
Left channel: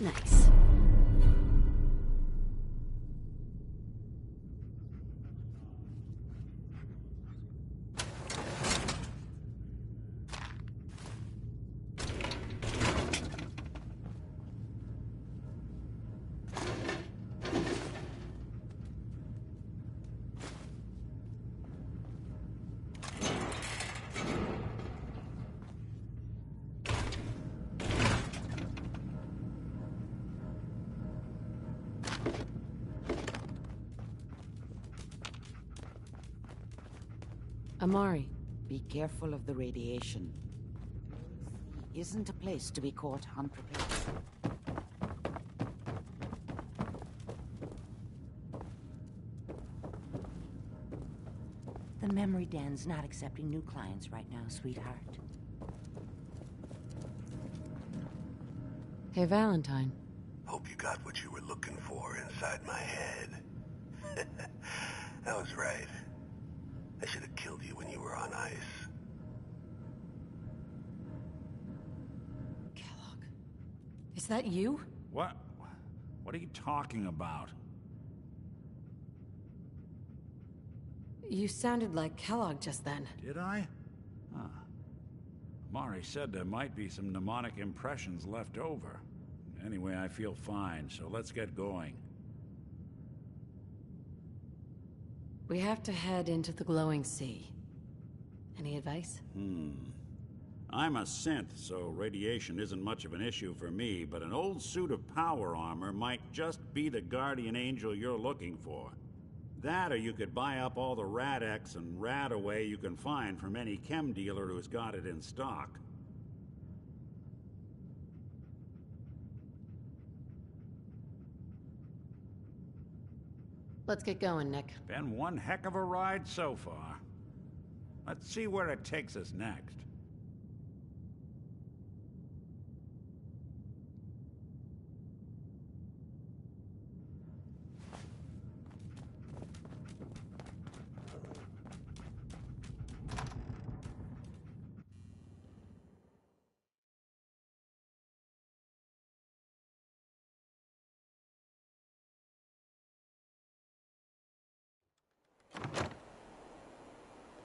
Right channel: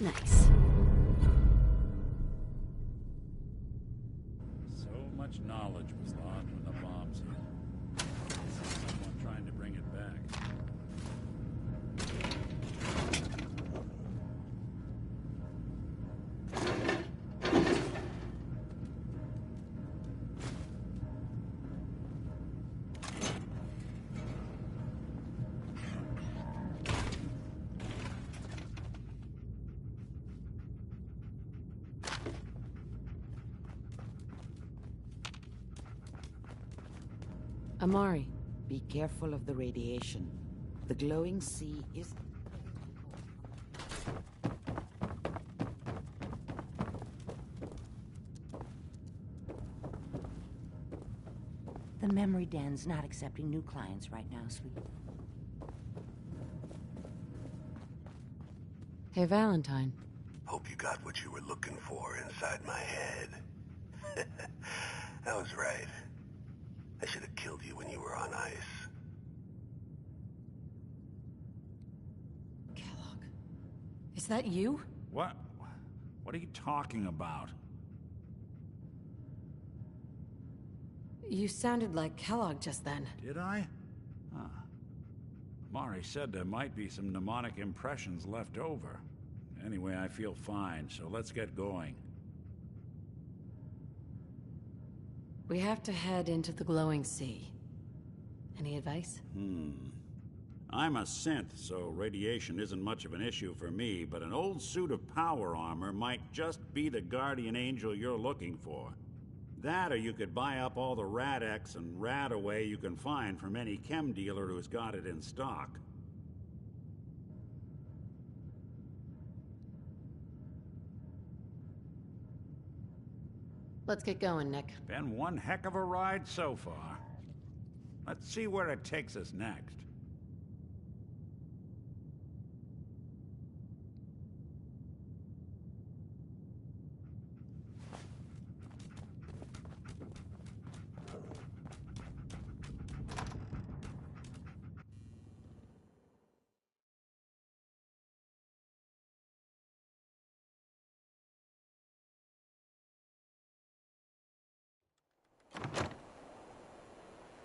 Nice. So much knowledge was lost when the bombs hit. I'm trying to bring it back. Amari. Be careful of the radiation. The glowing sea isn't a place to be caught unprepared. The memory den's not accepting new clients right now, sweetheart. Hey, Valentine. Hope you got what you were looking for inside my head. I was right. I should have killed you when you were on ice. Is that you? What? What are you talking about? You sounded like Kellogg just then. Did I? Huh. Mari said there might be some mnemonic impressions left over. Anyway, I feel fine, so let's get going. We have to head into the glowing sea. Any advice? I'm a synth, so radiation isn't much of an issue for me, but an old suit of power armor might just be the guardian angel you're looking for. That, or you could buy up all the Rad-X and Rad-Away you can find from any chem dealer who's got it in stock. Let's get going, Nick. Been one heck of a ride so far. Let's see where it takes us next.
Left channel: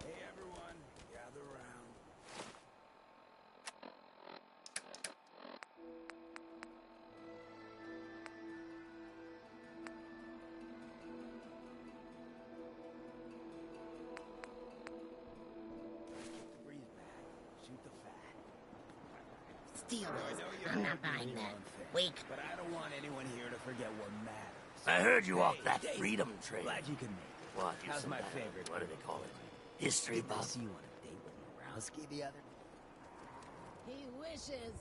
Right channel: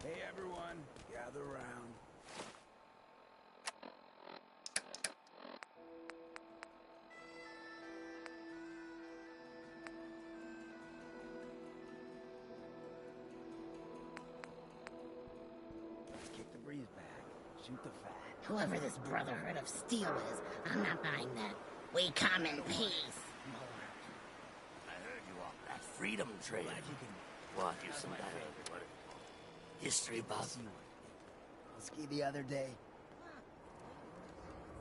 Hey everyone, gather around. Kick the breeze back. Shoot the fat. Whoever this Brotherhood of Steel is, I'm not buying that. We come in I don't want peace. anyone here to forget what matters. I heard you walked that freedom trail. Glad you can make it. What? You How's some my kind of- favorite? What do they call it? History Did I buff? see you on a date with Morowski the other day? He wishes.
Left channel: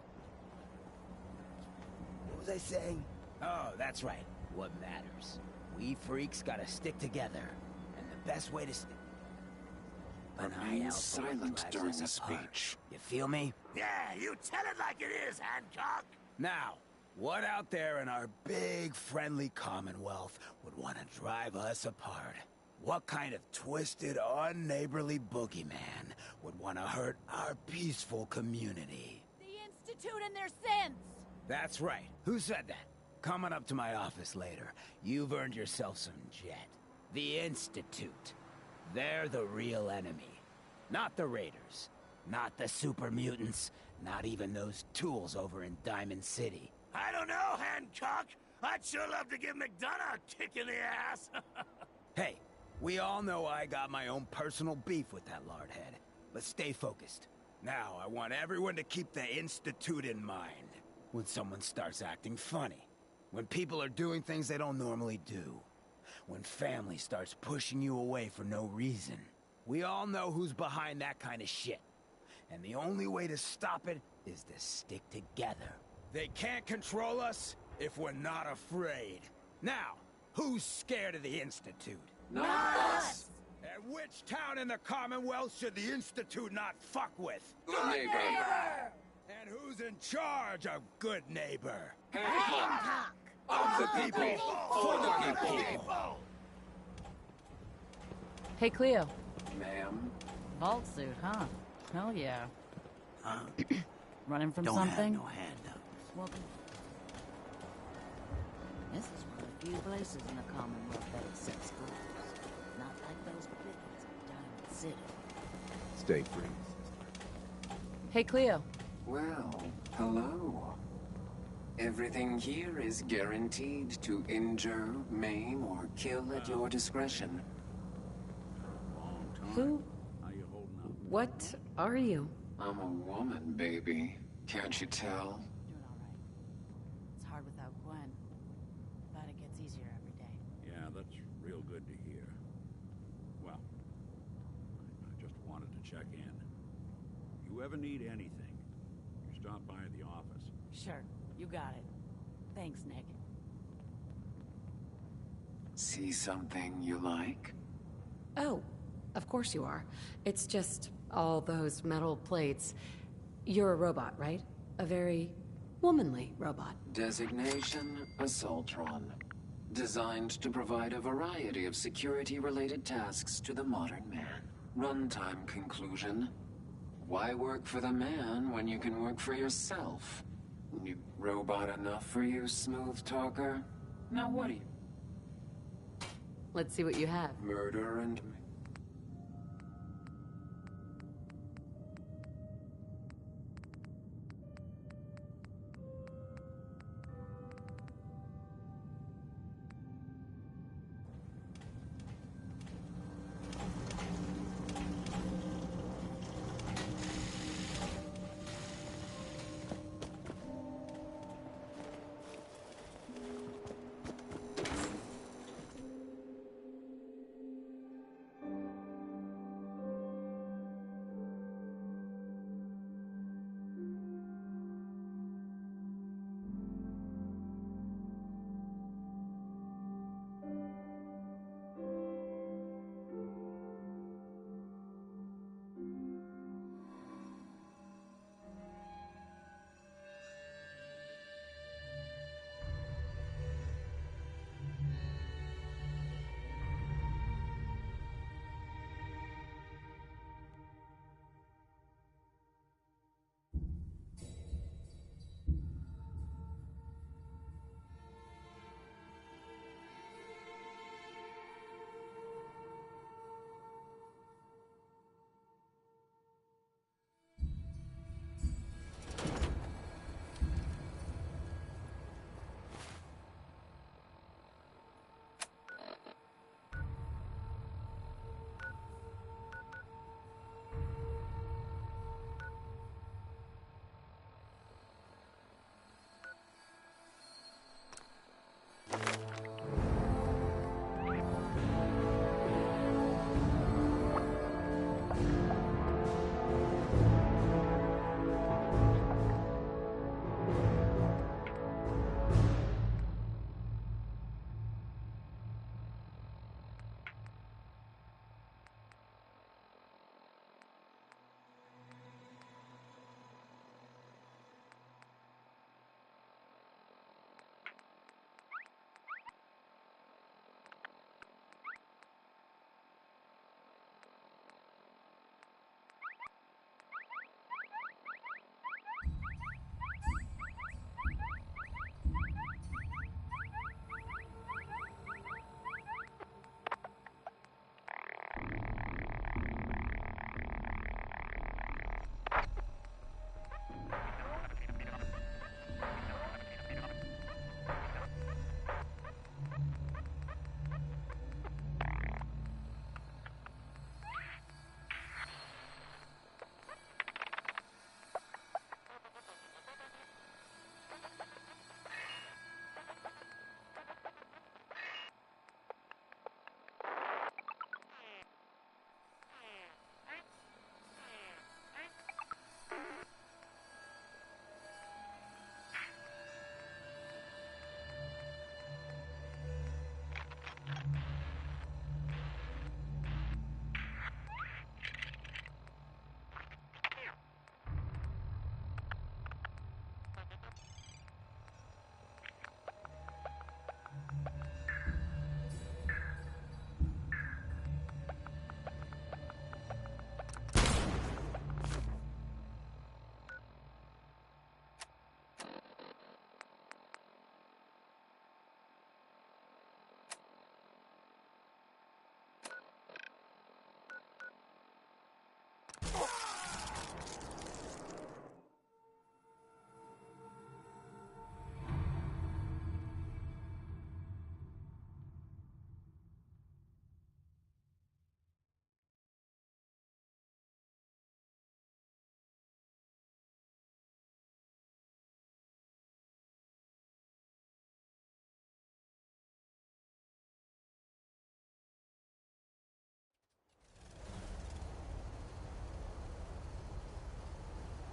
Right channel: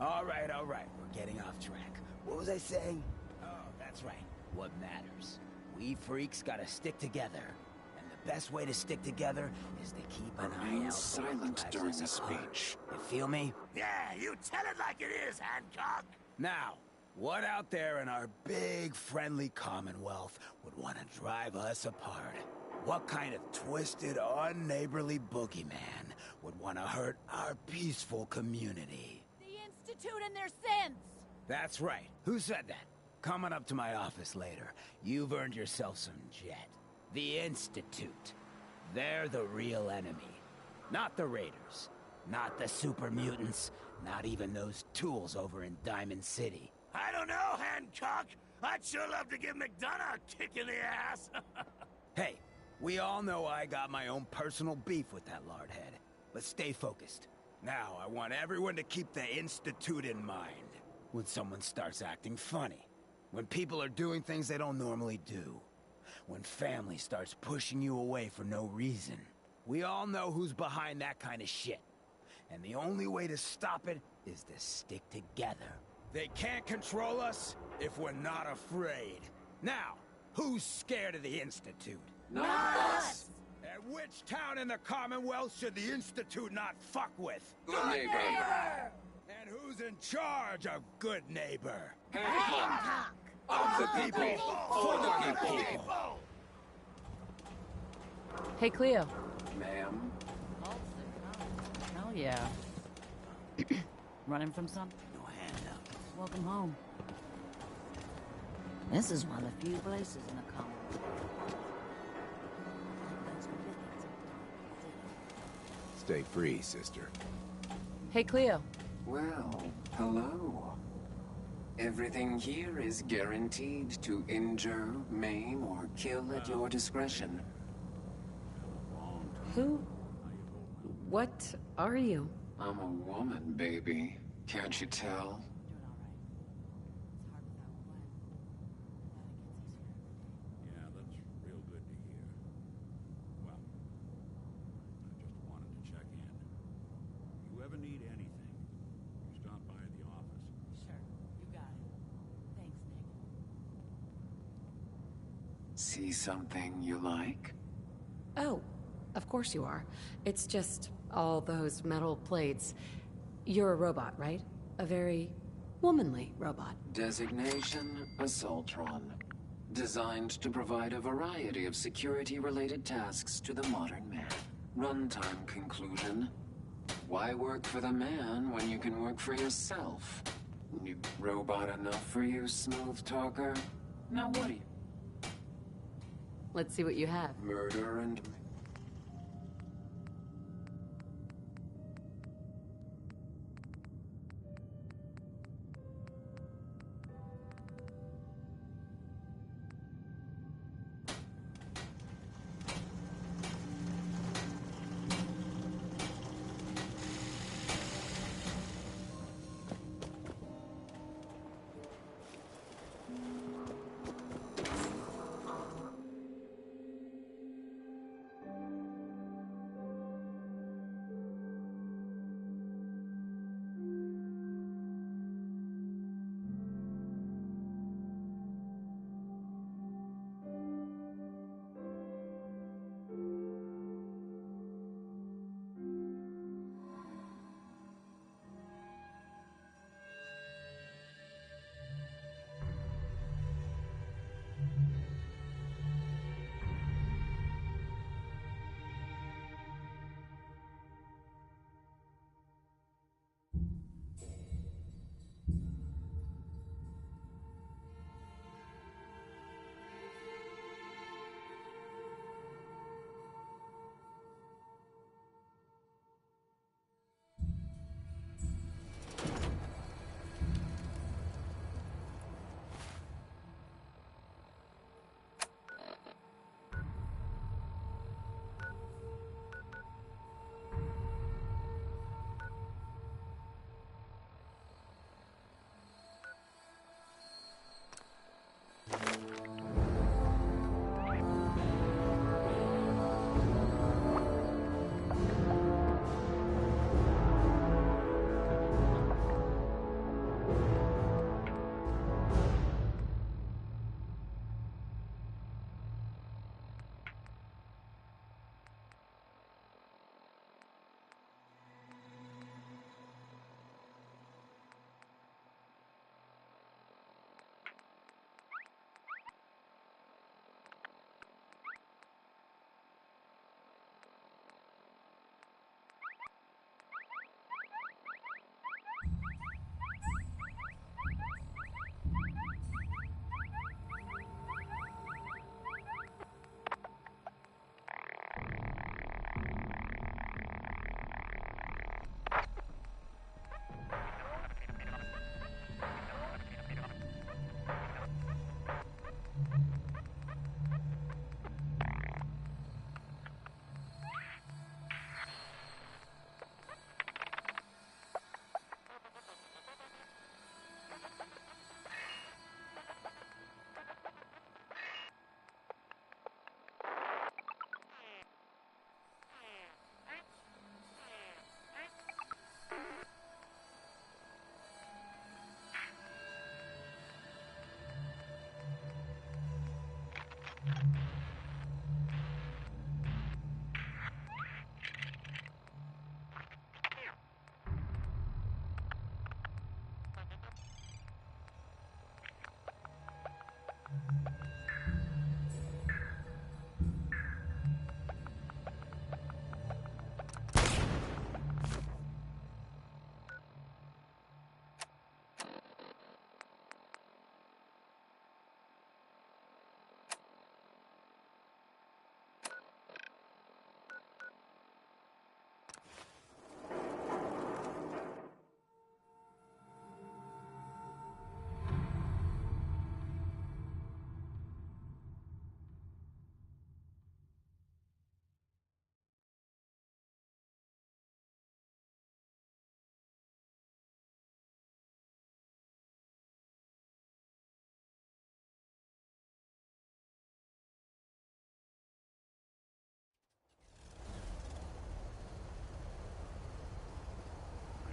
All right, we're getting off track. What was I saying? Oh, that's right. What matters. We freaks gotta stick together. And the best way to stick together is to keep an eye out for what silent drives during us the apart. speech. You feel me? Yeah, you tell it like it is, Hancock. Now, what out there in our big, friendly Commonwealth would want to drive us apart? What kind of twisted, unneighborly boogeyman would want to hurt our peaceful community? The Institute and their sins! That's right. Who said that? Coming up to my office later, you've earned yourself some jet. The Institute. They're the real enemy. Not the Raiders. Not the super mutants. Not even those tools over in Diamond City. I don't know, Hancock. I'd sure love to give McDonough a kick in the ass. Hey, we all know I got my own personal beef with that lardhead. Let's stay focused. Now, I want everyone to keep the Institute in mind. When someone starts acting funny. When people are doing things they don't normally do. When family starts pushing you away for no reason. We all know who's behind that kind of shit. And the only way to stop it is to stick together. They can't control us if we're not afraid. Now, who's scared of the Institute? Not us! And which town in the Commonwealth should the Institute not fuck with? Good neighbor! And who's in charge of good neighbor? Hancock! Of the people, for the people! Hey, Cleo. Ma'am? Vault suit, huh? Hell yeah. Running from Don't something? have no hand up. Welcome home. This is one of the few places in the Commonwealth that sees ghosts. Not like those pickets in Diamond City. Stay free, sister. Hey, Cleo. Well, hello. Everything here is guaranteed to injure, maim, or kill at your discretion. Who? What are you? I'm a woman, baby. Can't you tell? Doing all right. It's hard without Gwen. But it gets easier every day. Yeah, that's real good to hear. Well, I just wanted to check in. You ever need anything, you stop by the office. Sure, you got it. Thanks, Nick. see something you like? Oh, of course you are. It's just all those metal plates. You're a robot, right? A very womanly robot. Designation, Assaultron. Designed to provide a variety of security-related tasks to the modern man. Runtime conclusion. Why work for the man when you can work for yourself? New robot enough for you, smooth talker? Now what do you... Let's see what you have. Murder and...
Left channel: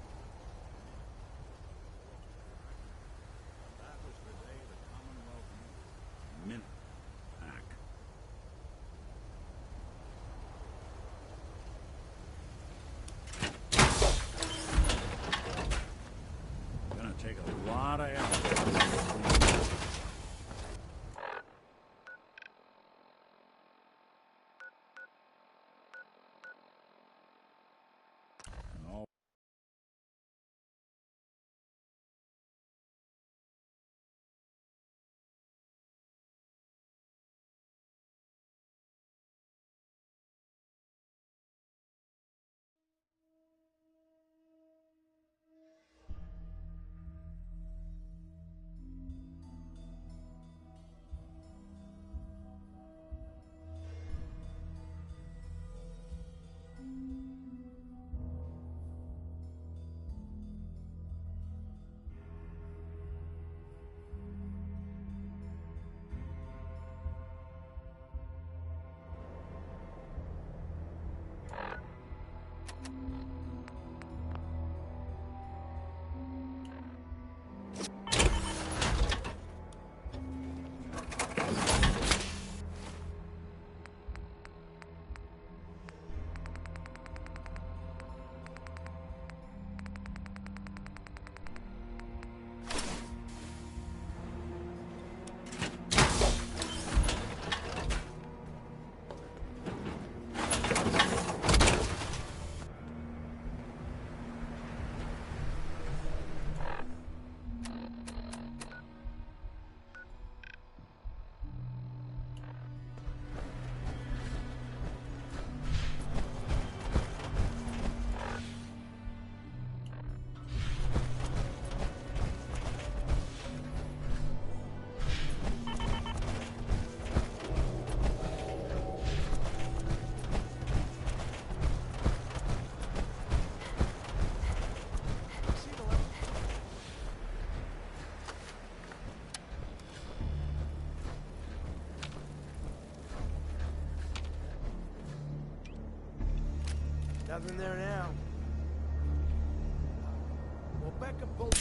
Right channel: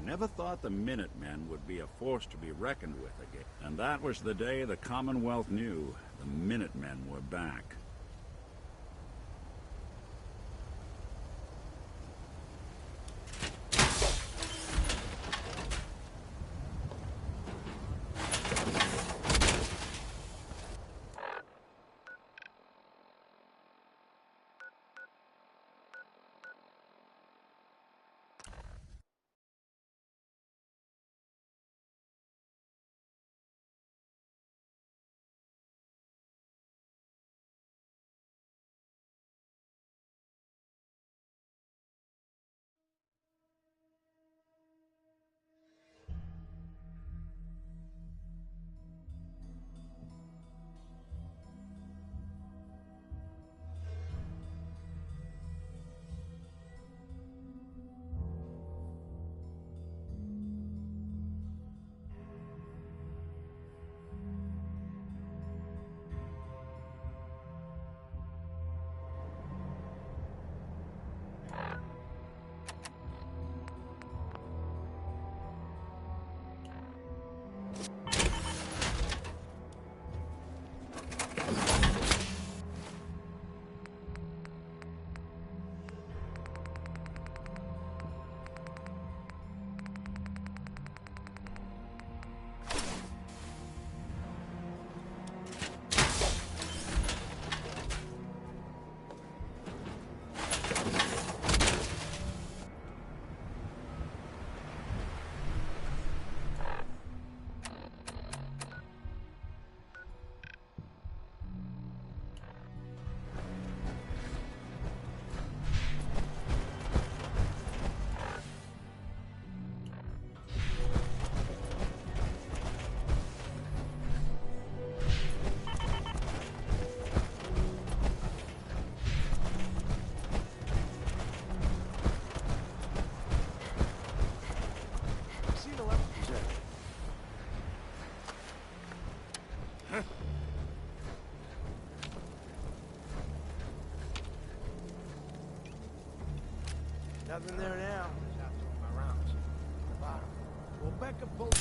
Never thought the Minutemen would be a force to be reckoned with again. And that was the day the Commonwealth knew the Minutemen were back. Nothing there now. Well, Becca pulled...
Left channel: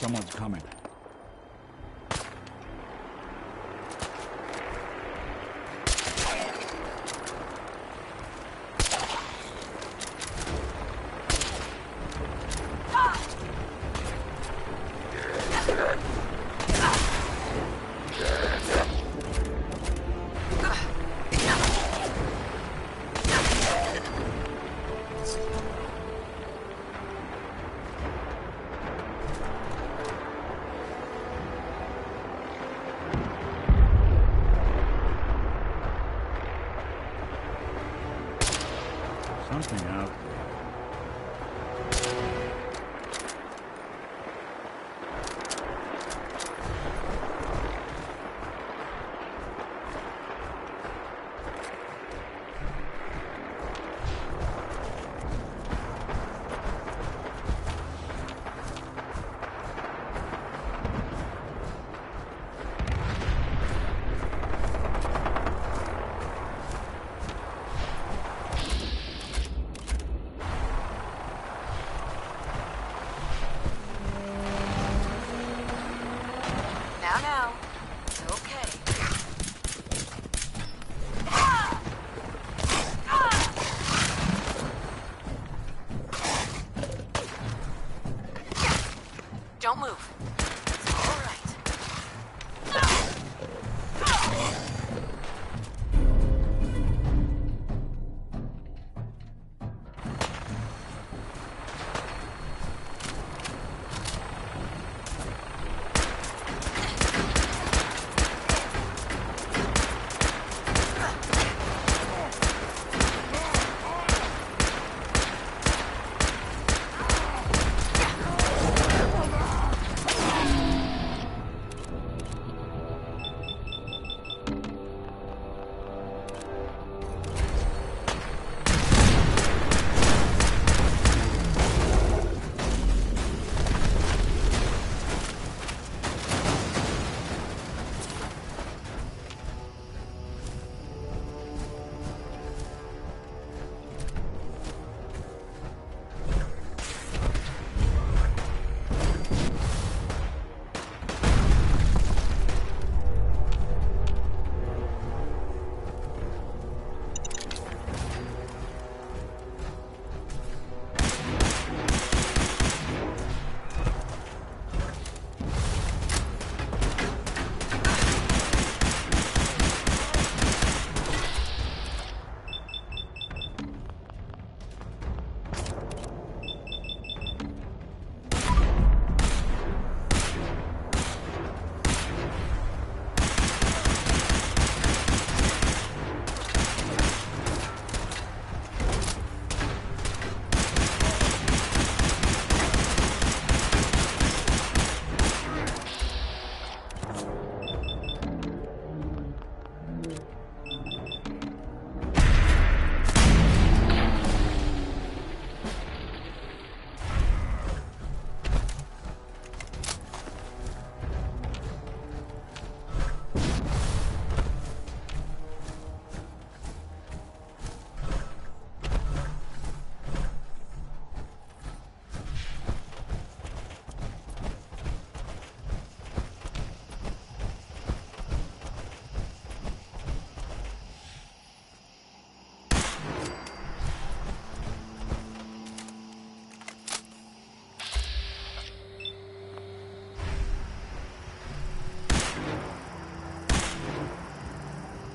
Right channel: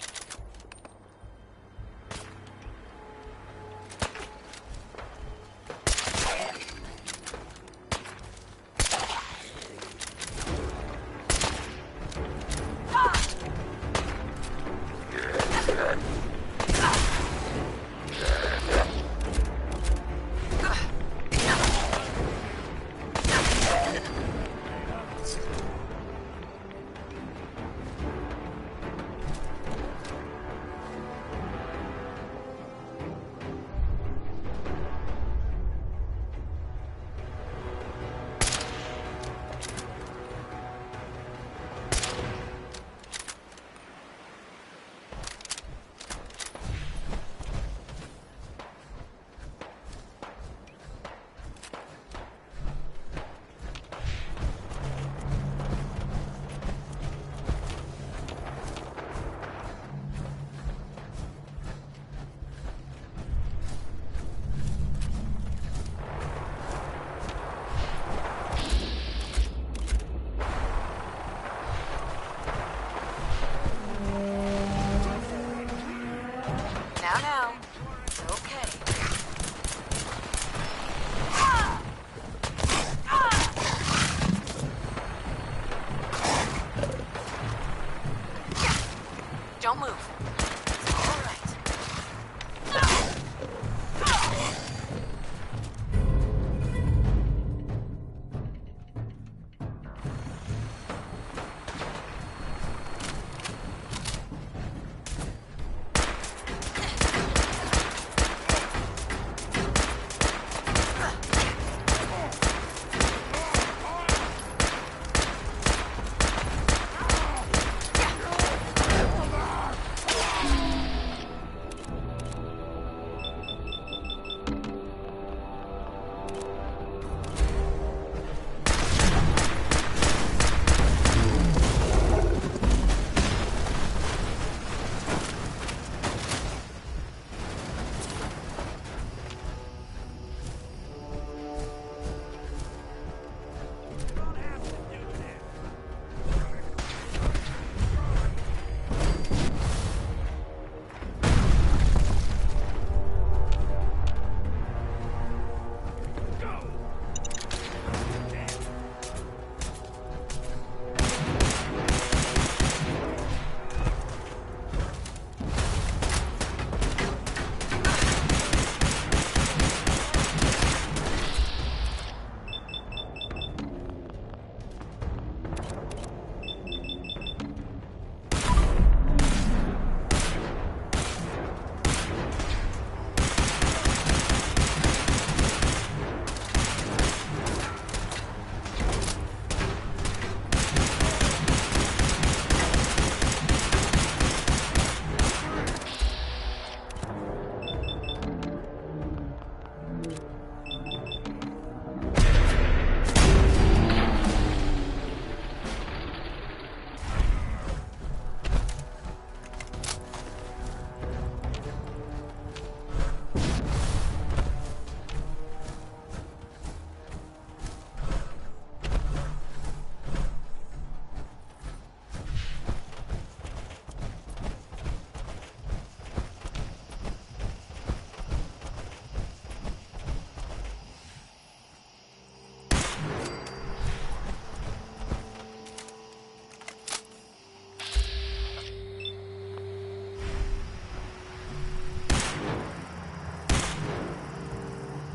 Someone's coming. something out. Now. It's okay. Don't move. It's all right.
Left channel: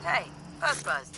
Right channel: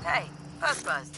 Hey, Buzz.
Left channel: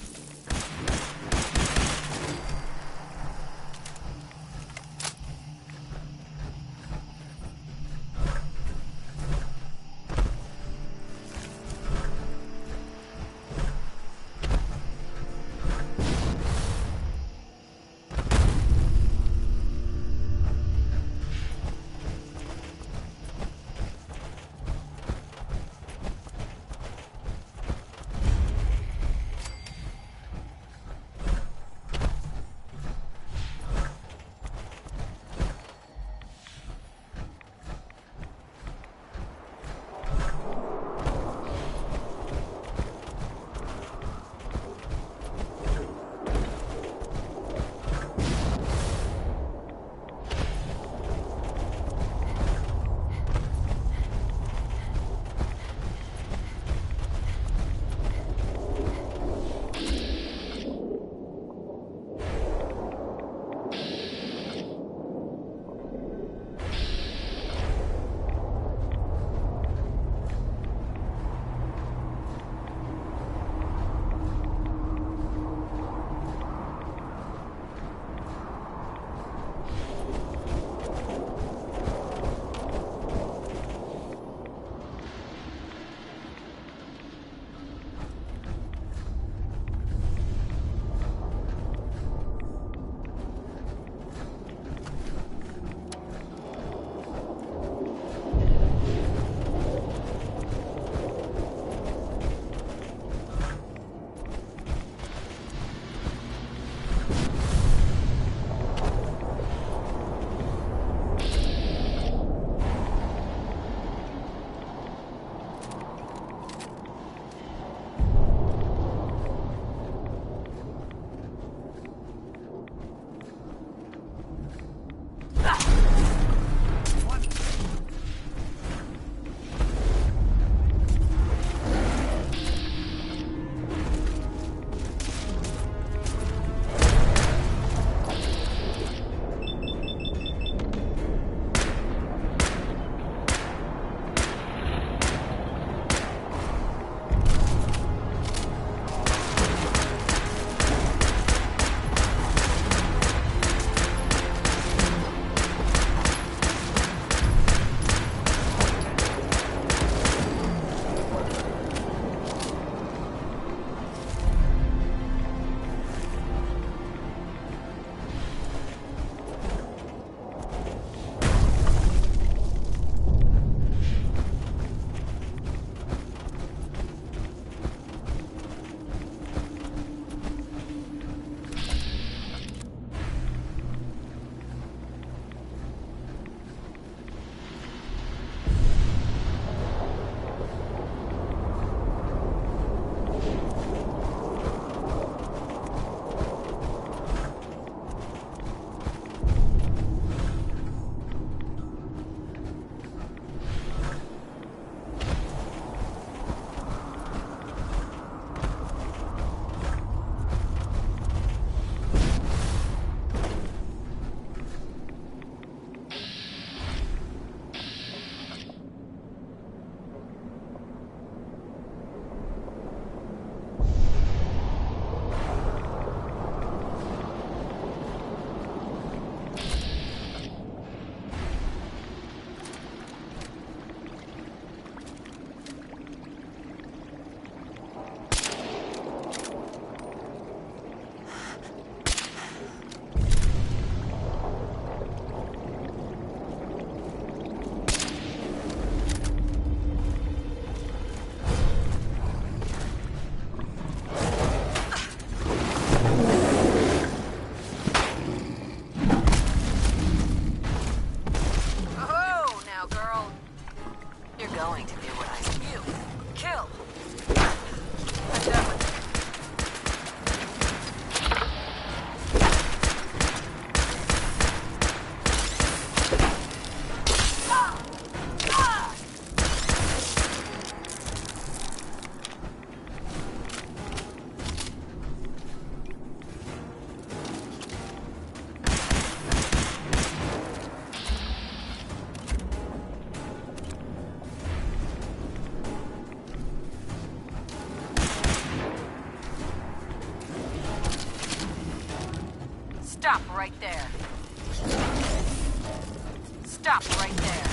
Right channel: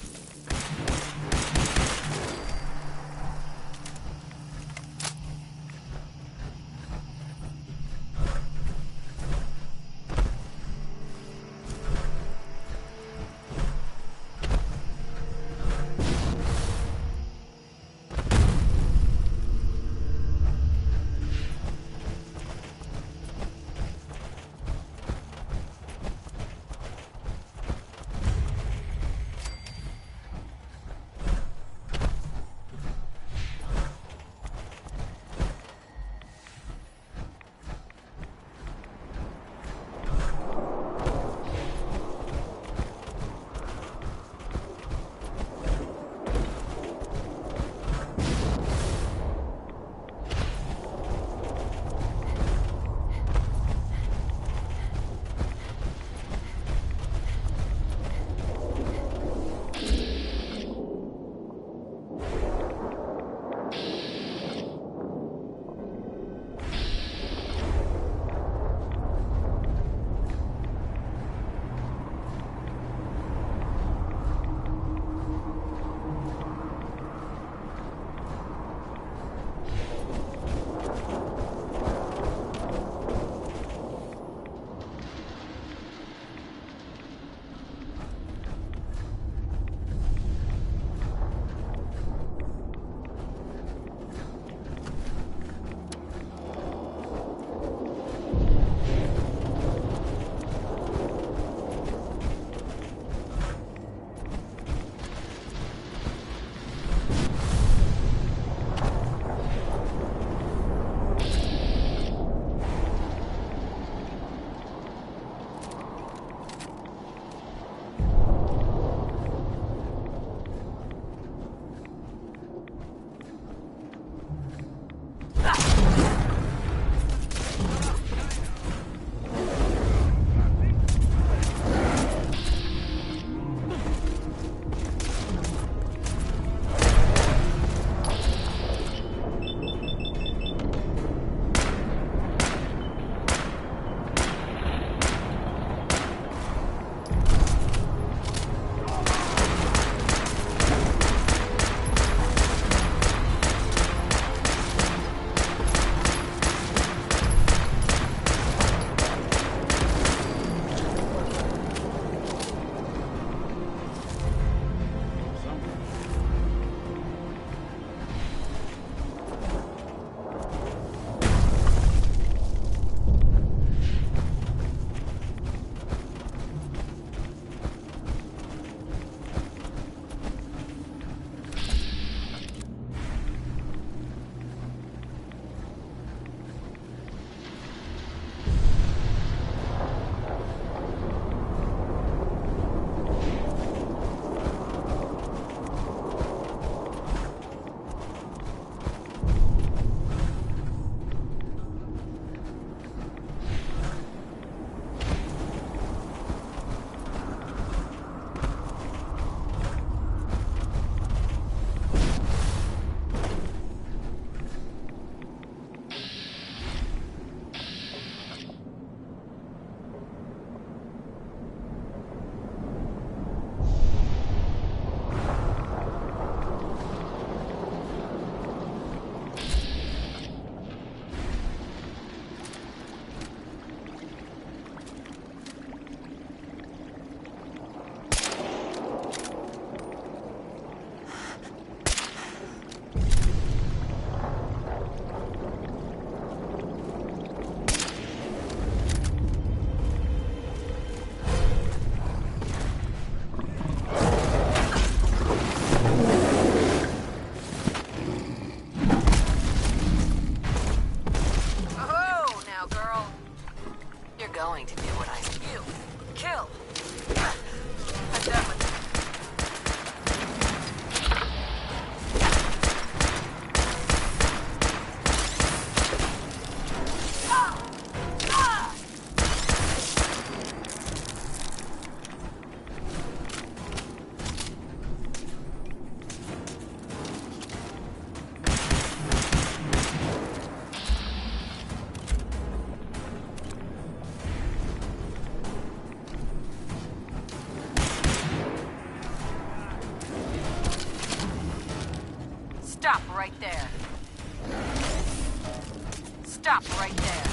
Stop right there. Stop right there.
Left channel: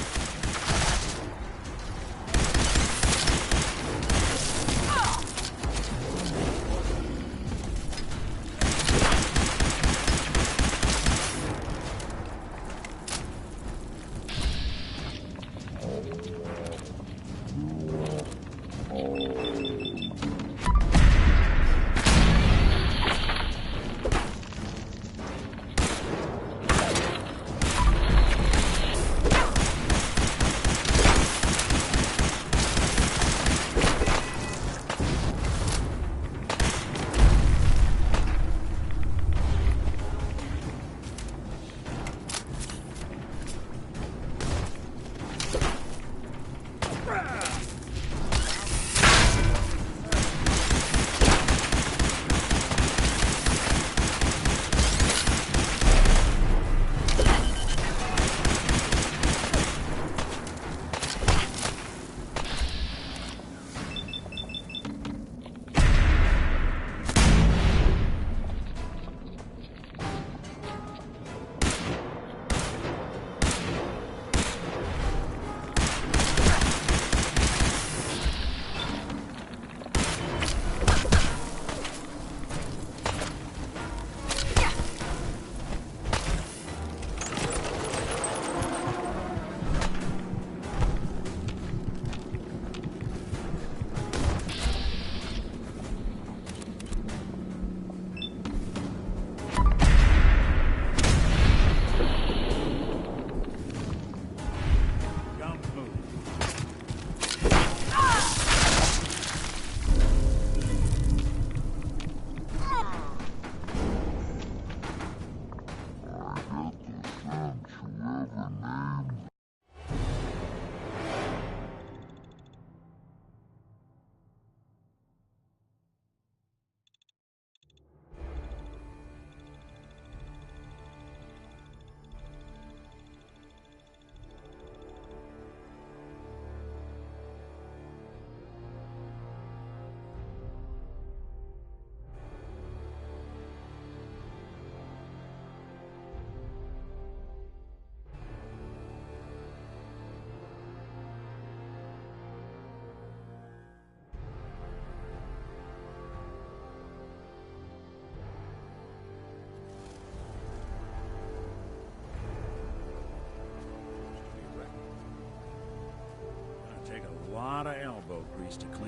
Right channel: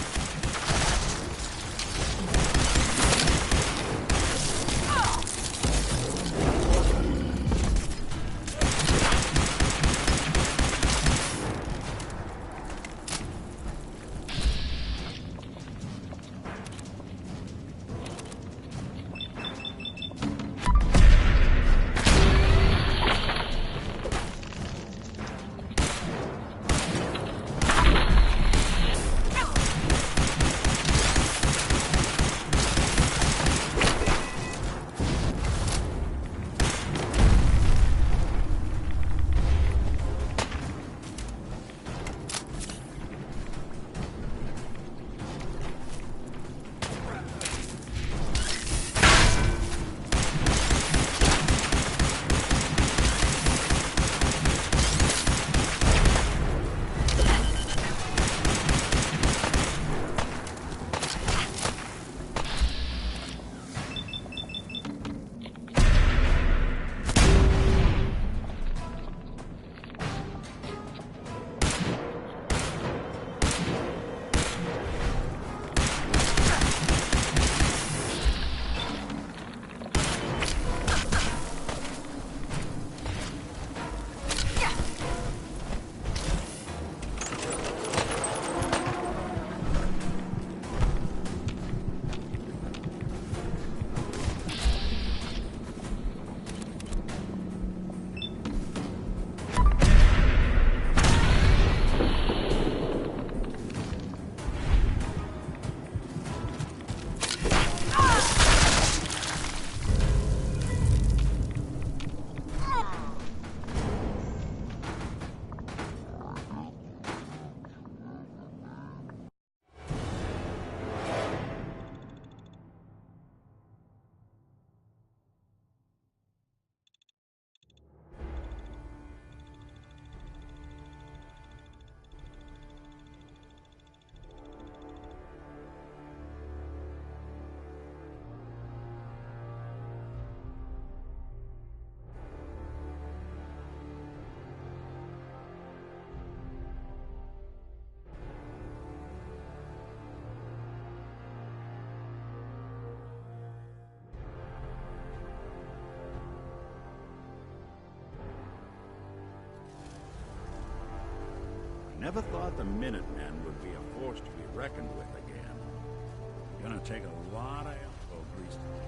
Never thought the Minutemen would be a force to be reckoned with again. Gonna take a lot of elbow grease to clean